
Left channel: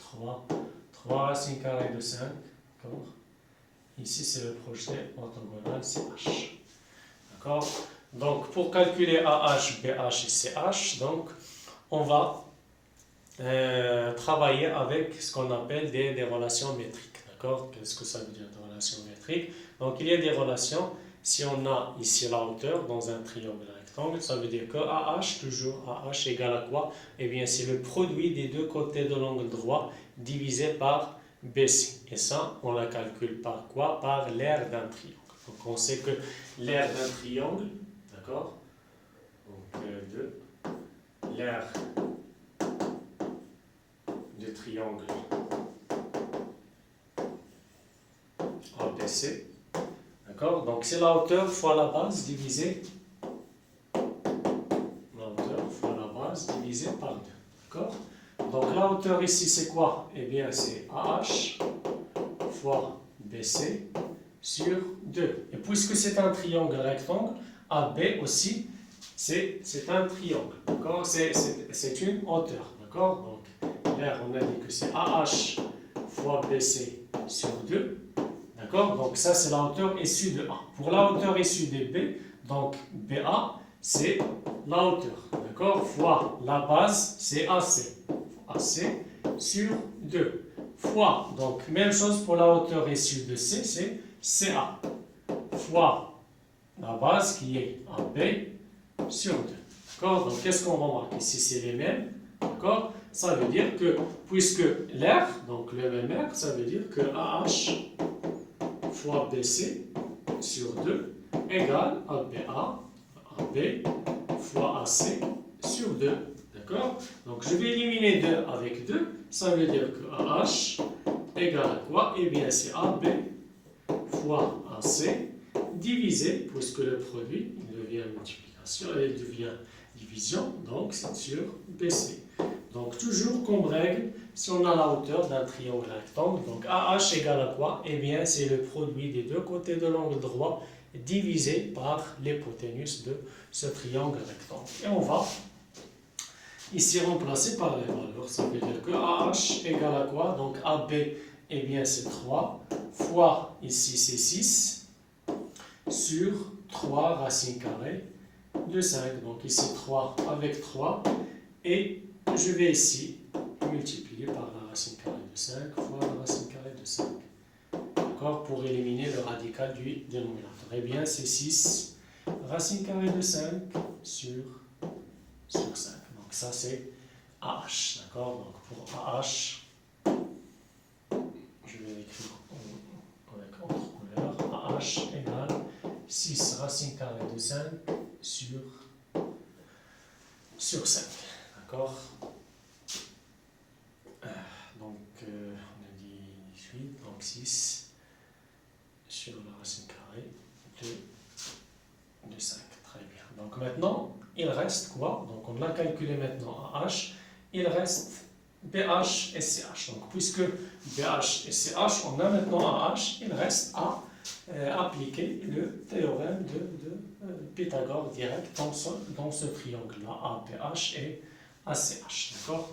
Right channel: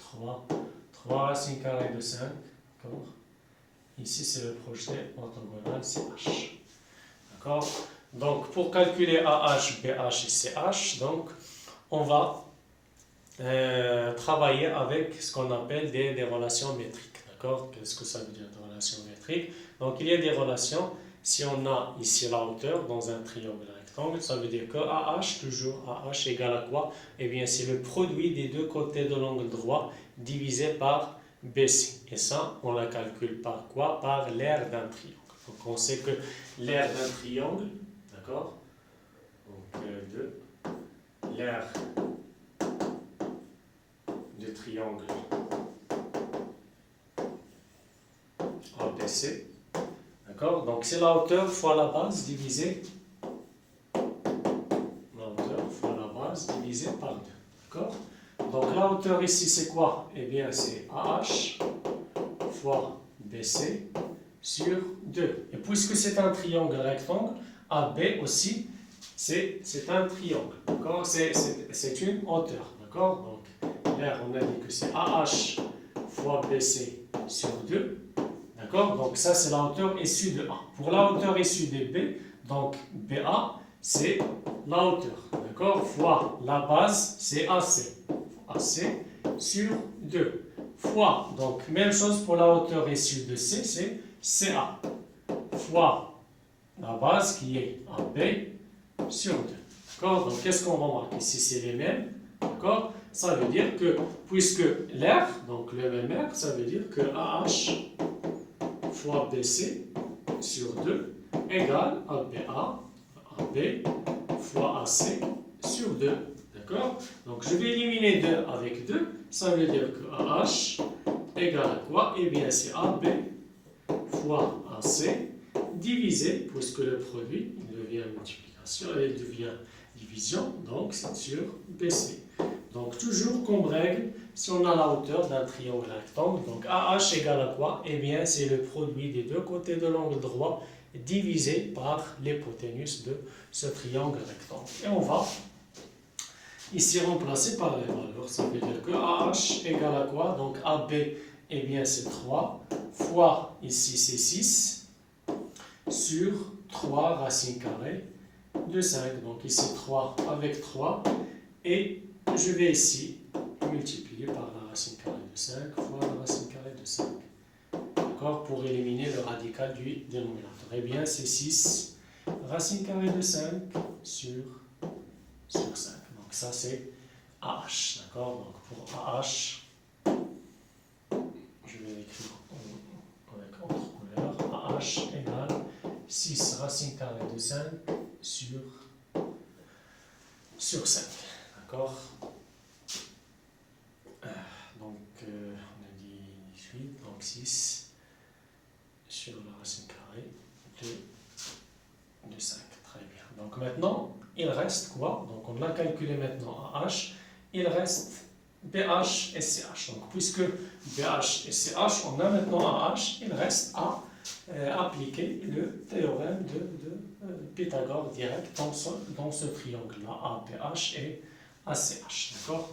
3 racines carrées de 5, d'accord, ici c'est le projeté orthogonal, c'est H, d'accord. Donc pour calculer AH, BH et CH, donc on va travailler avec ce qu'on appelle des relations métriques, d'accord. Qu'est-ce que ça veut dire des relations métriques? Donc il y a des relations, si on a ici la hauteur dans un triangle rectangle, ça veut dire que AH, toujours AH égale à quoi? Eh bien c'est le produit des deux côtés de l'angle droit divisé par BC. Et ça, on la calcule par quoi? Par l'aire d'un triangle. Donc on sait que l'aire d'un triangle, d'accord, donc l'aire du triangle ABC, d'accord, donc c'est la hauteur fois la base divisée, la hauteur fois la base divisée par 2, d'accord. Donc la hauteur ici c'est quoi? Eh bien c'est AH fois BC sur 2. Et puisque c'est un triangle rectangle, AB aussi c'est un triangle, d'accord, c'est une hauteur, d'accord. Donc l'aire on a dit que c'est AH fois BC sur 2, d'accord. Donc ça c'est la hauteur issue de A. Pour la hauteur issue de B, donc BA c'est la hauteur, d'accord, fois la base c'est AC, AC sur 2, fois, donc même chose pour la hauteur issue de C, c'est CA, fois la base qui est AB sur 2. D'accord. Donc qu'est-ce qu'on va marquer? Si c'est les mêmes, d'accord, ça veut dire que puisque l'air, donc le même air, ça veut dire que AH fois BC sur 2 égale à BA, AB fois AC sur 2. D'accord. Donc je vais éliminer 2 avec 2, ça veut dire que AH égale à quoi? Eh bien c'est AB fois AC divisé, puisque le produit il devient multiplication, il devient division, donc c'est sur BC. Donc toujours comme règle, si on a la hauteur d'un triangle rectangle, donc AH égale à quoi? Eh bien c'est le produit des deux côtés de l'angle droit divisé par l'hypoténuse de ce triangle rectangle. Et on va ici remplacer par les valeurs. Ça veut dire que AH égale à quoi? Donc AB, eh bien c'est 3, fois ici c'est 6, sur 3 racines carrées de 5. Donc ici 3 avec 3, et je vais ici multiplier par la racine carrée de 5 fois la racine carrée de 5. D'accord, pour éliminer le radical du dénominateur. Eh bien c'est 6 racine carrée de 5 sur 5. Donc ça c'est AH. D'accord, donc pour AH, je vais l'écrire avec autre couleur. sur 5. D'accord? Donc, on a dit 18, donc 6 sur la racine carrée de 5. Très bien. Donc maintenant, il reste quoi? Donc on a calculé maintenant AH. Il reste BH et CH. Donc puisque BH et CH, on a maintenant AH, il reste à appliquer le théorème de Pythagore direct dans ce triangle-là, ABH et ACH. D'accord?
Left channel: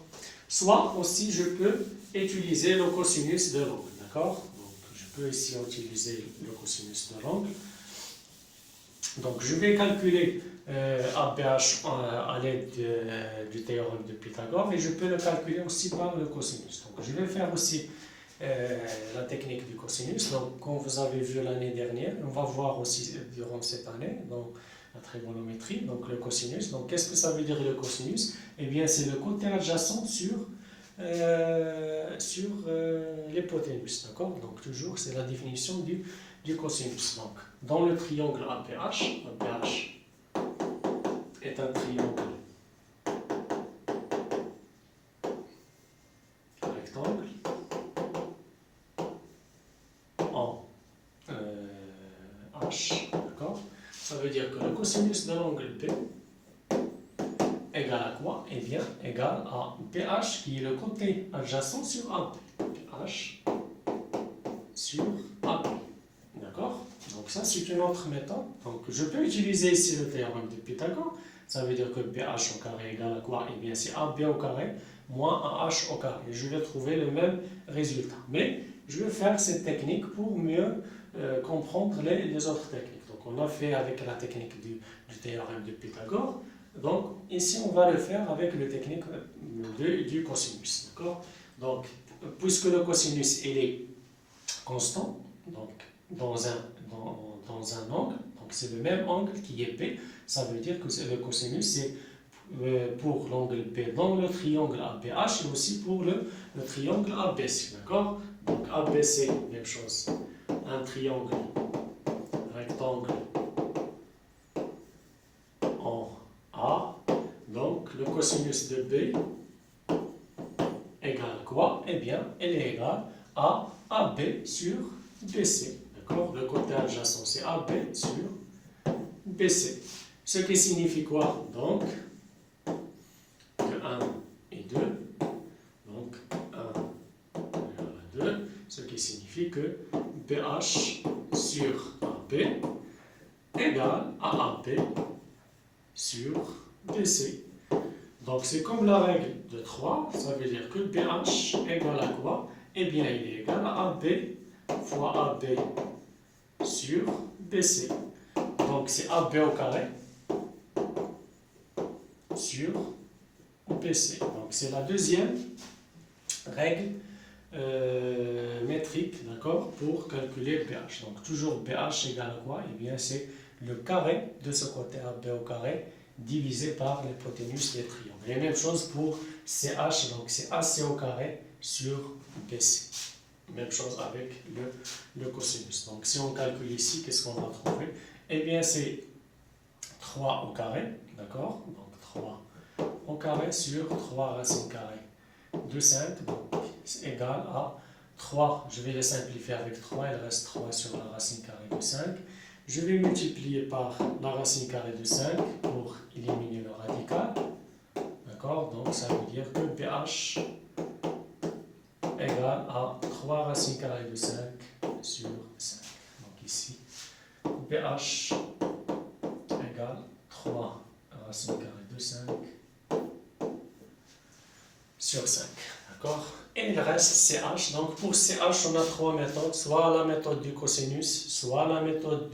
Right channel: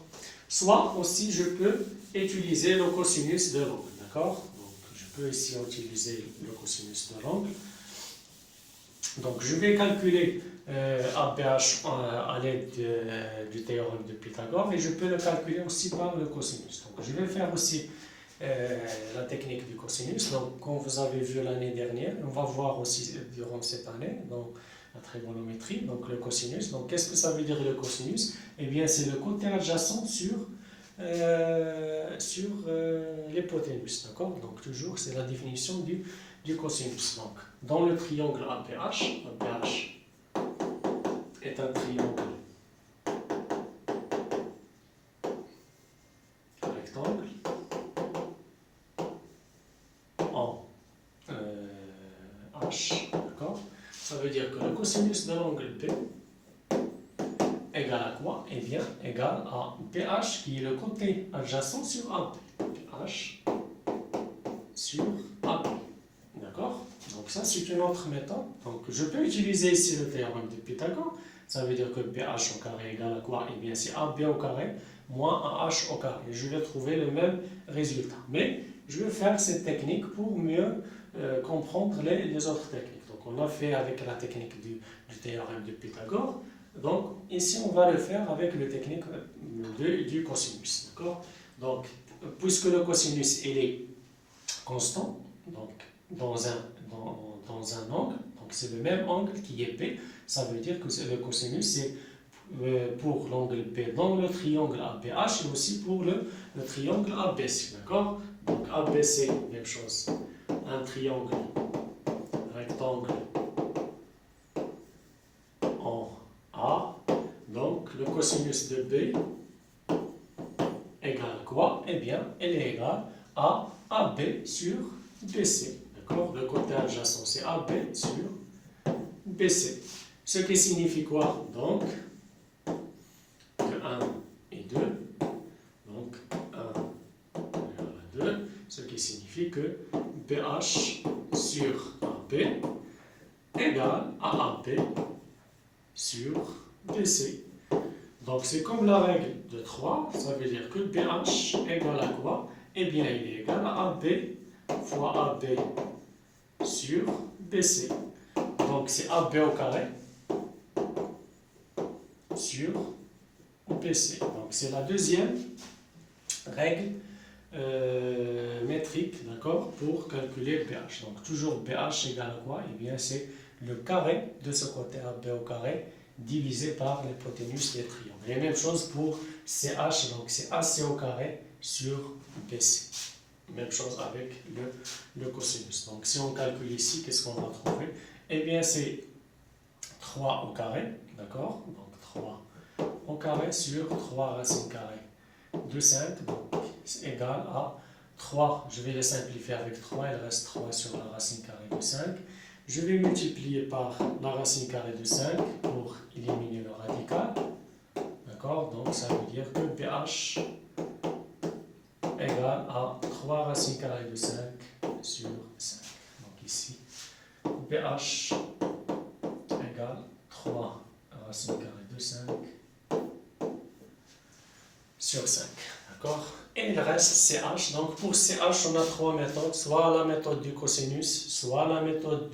Soit aussi je peux utiliser le cosinus de l'angle. D'accord? Donc je peux ici utiliser le cosinus de l'angle. Donc je vais calculer ABH à l'aide du théorème de Pythagore et je peux le calculer aussi par le cosinus. Donc je vais faire aussi la technique du cosinus. Donc comme vous avez vu l'année dernière, on va voir aussi durant cette année dans la trigonométrie, donc le cosinus. Donc qu'est-ce que ça veut dire le cosinus? Eh bien c'est le côté adjacent sur l'hypoténuse. D'accord? Donc toujours c'est la définition du cosinus. Donc dans le triangle ABH, ABH est un triangle rectangle en H. D'accord? Ça veut dire que le cosinus de l'angle B égale à quoi? Eh bien, égale à BH qui est le côté adjacent sur AB. BH sur AB. D'accord? Donc ça, c'est une autre méthode. Donc je peux utiliser ici le théorème de Pythagore. Ça veut dire que BH au carré égale à quoi? Eh bien, c'est AB au carré moins AH au carré. Je vais trouver le même résultat. Mais je vais faire cette technique pour mieux comprendre les autres techniques. Donc on l'a fait avec la technique du théorème de Pythagore. Donc ici, on va le faire avec la technique du cosinus. D'accord? Donc, puisque le cosinus il est constant, donc dans un angle, donc c'est le même angle qui est B, ça veut dire que le cosinus c'est pour l'angle B dans le triangle ABH et aussi pour le triangle ABC. D'accord? Donc ABC, même chose, un triangle rectangle en A, donc le cosinus de B égale quoi? Eh bien, elle est égale à AB sur BC. D'accord? Le côté adjacent, c'est AB sur BC. Ce qui signifie quoi? Donc, que 1 et 2. Donc, 1 égale à 2. Ce qui signifie que BH sur AB égale à AB sur BC. Donc, c'est comme la règle de 3. Ça veut dire que BH égale à quoi? Eh bien, il est égal à AB fois AB sur BC. Donc c'est AB au carré sur BC. Donc c'est la deuxième règle métrique, d'accord, pour calculer BH. Donc toujours BH égale à quoi? Eh bien c'est le carré de ce côté AB au carré divisé par l'hypoténuse des triangles. Et même chose pour CH, donc c'est AC au carré sur BC. Même chose avec le cosinus. Donc si on calcule ici, qu'est-ce qu'on va trouver? Eh bien c'est 3 au carré, d'accord? Donc 3 au carré sur 3 racines carrées de 5, donc c'est égal à 3, je vais les simplifier avec 3, il reste 3 sur la racine carrée de 5. Je vais multiplier par la racine carrée de 5 pour éliminer le radical, d'accord? Donc ça veut dire que BH égale à 3 racines carrées de 5 sur 5. Donc ici, BH égale 3 racines carrées de 5 sur 5. D'accord? Et il reste CH. Donc pour CH, on a trois méthodes. Soit la méthode du cosinus, soit la méthode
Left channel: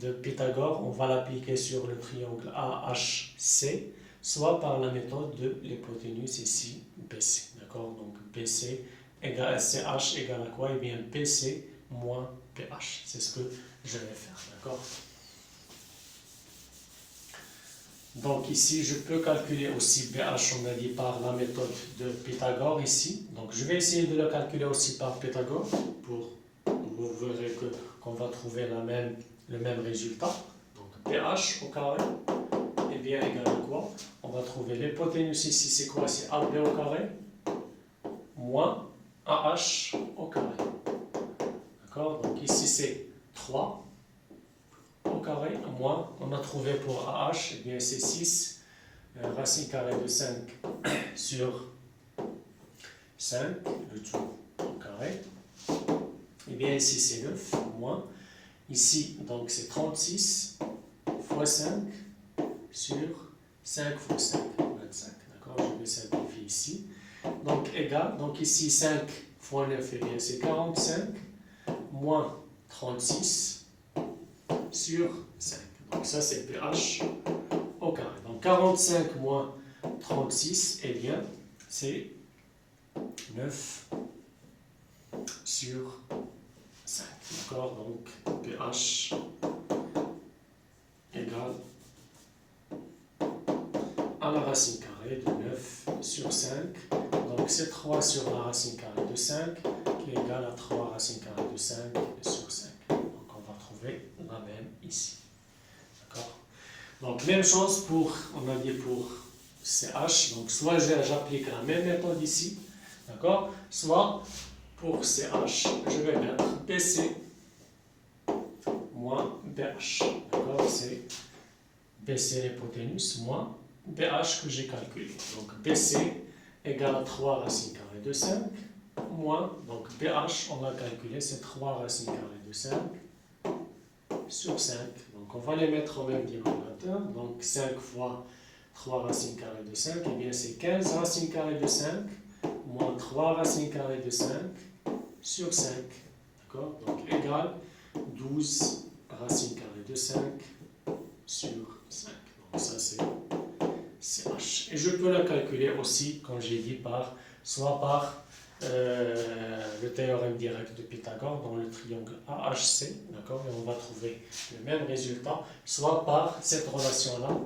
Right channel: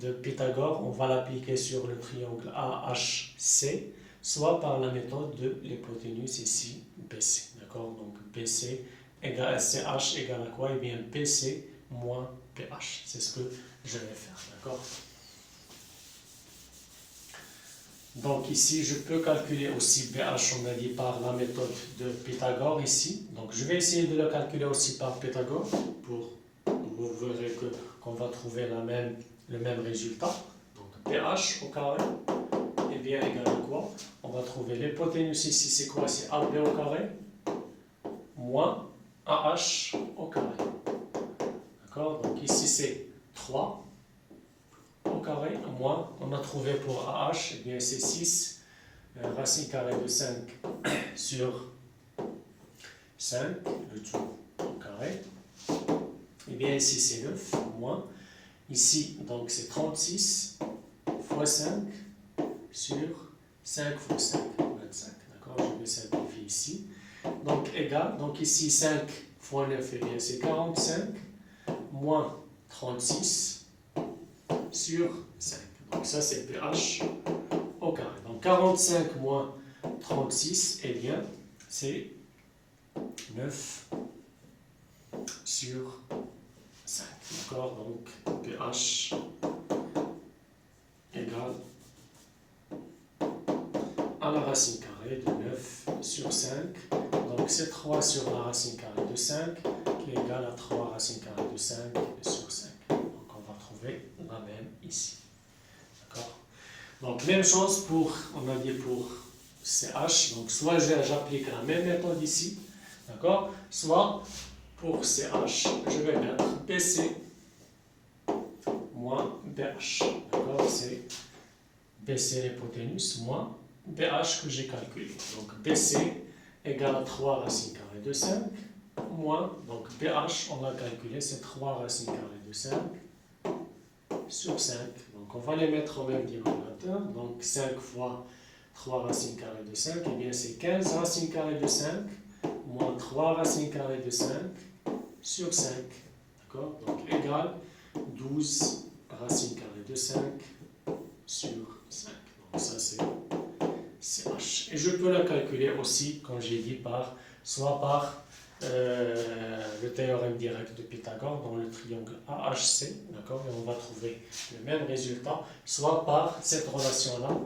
de Pythagore. On va l'appliquer sur le triangle AHC, soit par la méthode de l'hypoténuse ici, BC. D'accord? Donc BC égale CH égale à quoi? Eh bien BC moins PH. C'est ce que je vais faire. D'accord? Donc ici, je peux calculer aussi BH, on a dit, par la méthode de Pythagore ici. Donc je vais essayer de le calculer aussi par Pythagore pour, vous verrez qu'on va trouver le même résultat. Donc BH au carré est bien égal à quoi? On va trouver l'hypoténuse ici, c'est quoi? C'est AB au carré moins AH au carré. D'accord? Donc ici c'est 3 au carré, moins, on a trouvé pour AH, eh bien c'est 6 racine carrée de 5 sur 5, le tout au carré. Et bien ici c'est 9, moins. Ici, donc c'est 36 fois 5 sur 5 fois 5, 25. D'accord? Je vais simplifier ici. Donc égal, donc ici 5 fois 9, eh bien c'est 45, moins 36 sur 5. Donc ça c'est pH au carré. Donc 45 moins 36, eh bien c'est 9 sur 5. D'accord? Donc pH égale à la racine carrée de 9 sur 5. Donc c'est 3 sur la racine carrée de 5 qui est égal à 3 racine carrée de 5 sur 5. Donc on va trouver la même ici. D'accord? Donc même chose pour, on a dit pour CH. Donc soit j'applique la même méthode ici, d'accord? Soit pour CH, je vais mettre BC moins BH. D'accord? C'est BC l'hypoténuse moins BH que j'ai calculé. Donc BC égale à 3 racines carrées de 5 moins, donc BH, on va calculer, c'est 3 racines carrées de 5 sur 5. Donc on va les mettre au même dénominateur. Donc 5 fois 3 racines carrées de 5, et bien c'est 15 racines carrées de 5 moins 3 racines carrées de 5 sur 5. D'accord? Donc égal 12 racines carrées de 5 sur 5. Donc ça c'est CH. Et je peux la calculer aussi, comme j'ai dit, soit par le théorème direct de Pythagore dans le triangle AHC, d'accord, et on va trouver le même résultat, soit par cette relation-là,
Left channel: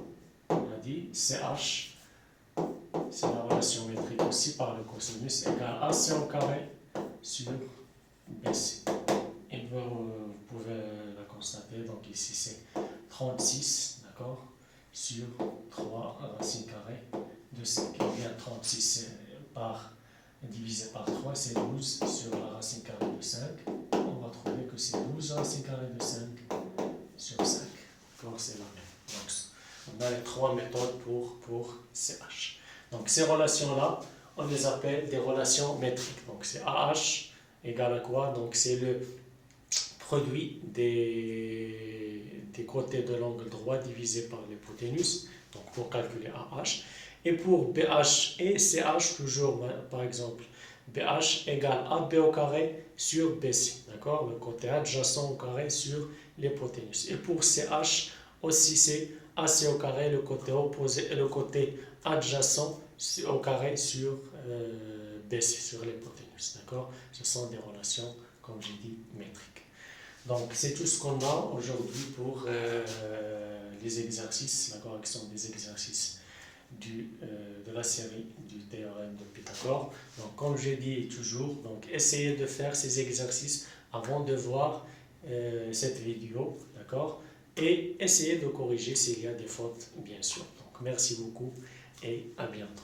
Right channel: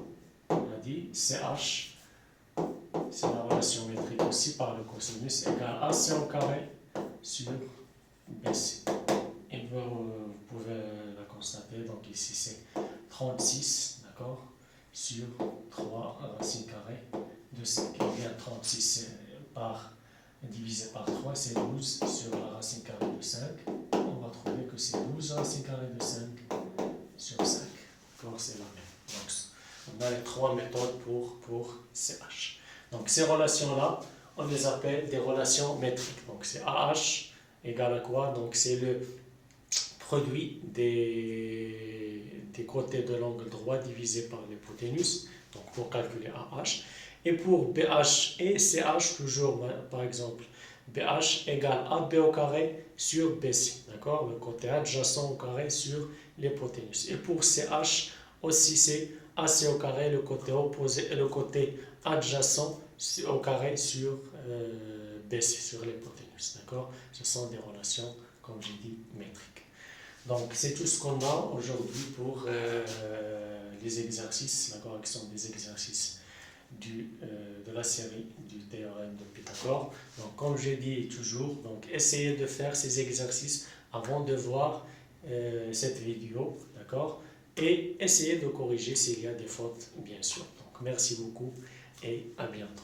on a dit CH, c'est la relation métrique aussi par le cosinus égale AC au carré sur BC. Et vous pouvez la constater, donc ici c'est 36, d'accord, sur 3 racines carrées de 5. Et bien 36 divisé par 3, c'est 12 sur la racine carrée de 5. On va trouver que c'est 12 racines carrées de 5 sur 5. Donc c'est la même. Donc on a les 3 méthodes pour CH. Donc ces relations-là, on les appelle des relations métriques. Donc c'est AH égale à quoi? Donc c'est le produit des côtés de l'angle droit divisé par l'hypoténuse, donc pour calculer AH. Et pour BH et CH, toujours par exemple, BH égale AB au carré sur BC, d'accord? Le côté adjacent au carré sur l'hypoténuse. Et pour CH aussi, c'est AC au carré, le côté opposé et le côté adjacent au carré sur BC, sur l'hypoténuse, d'accord? Ce sont des relations, comme j'ai dit, métriques. Donc c'est tout ce qu'on a aujourd'hui pour les exercices, d'accord, qui sont des exercices de la série du théorème de Pythagore. Donc comme je dis toujours, donc essayez de faire ces exercices avant de voir cette vidéo, d'accord, et essayez de corriger s'il y a des fautes, bien sûr. Donc merci beaucoup et à bientôt.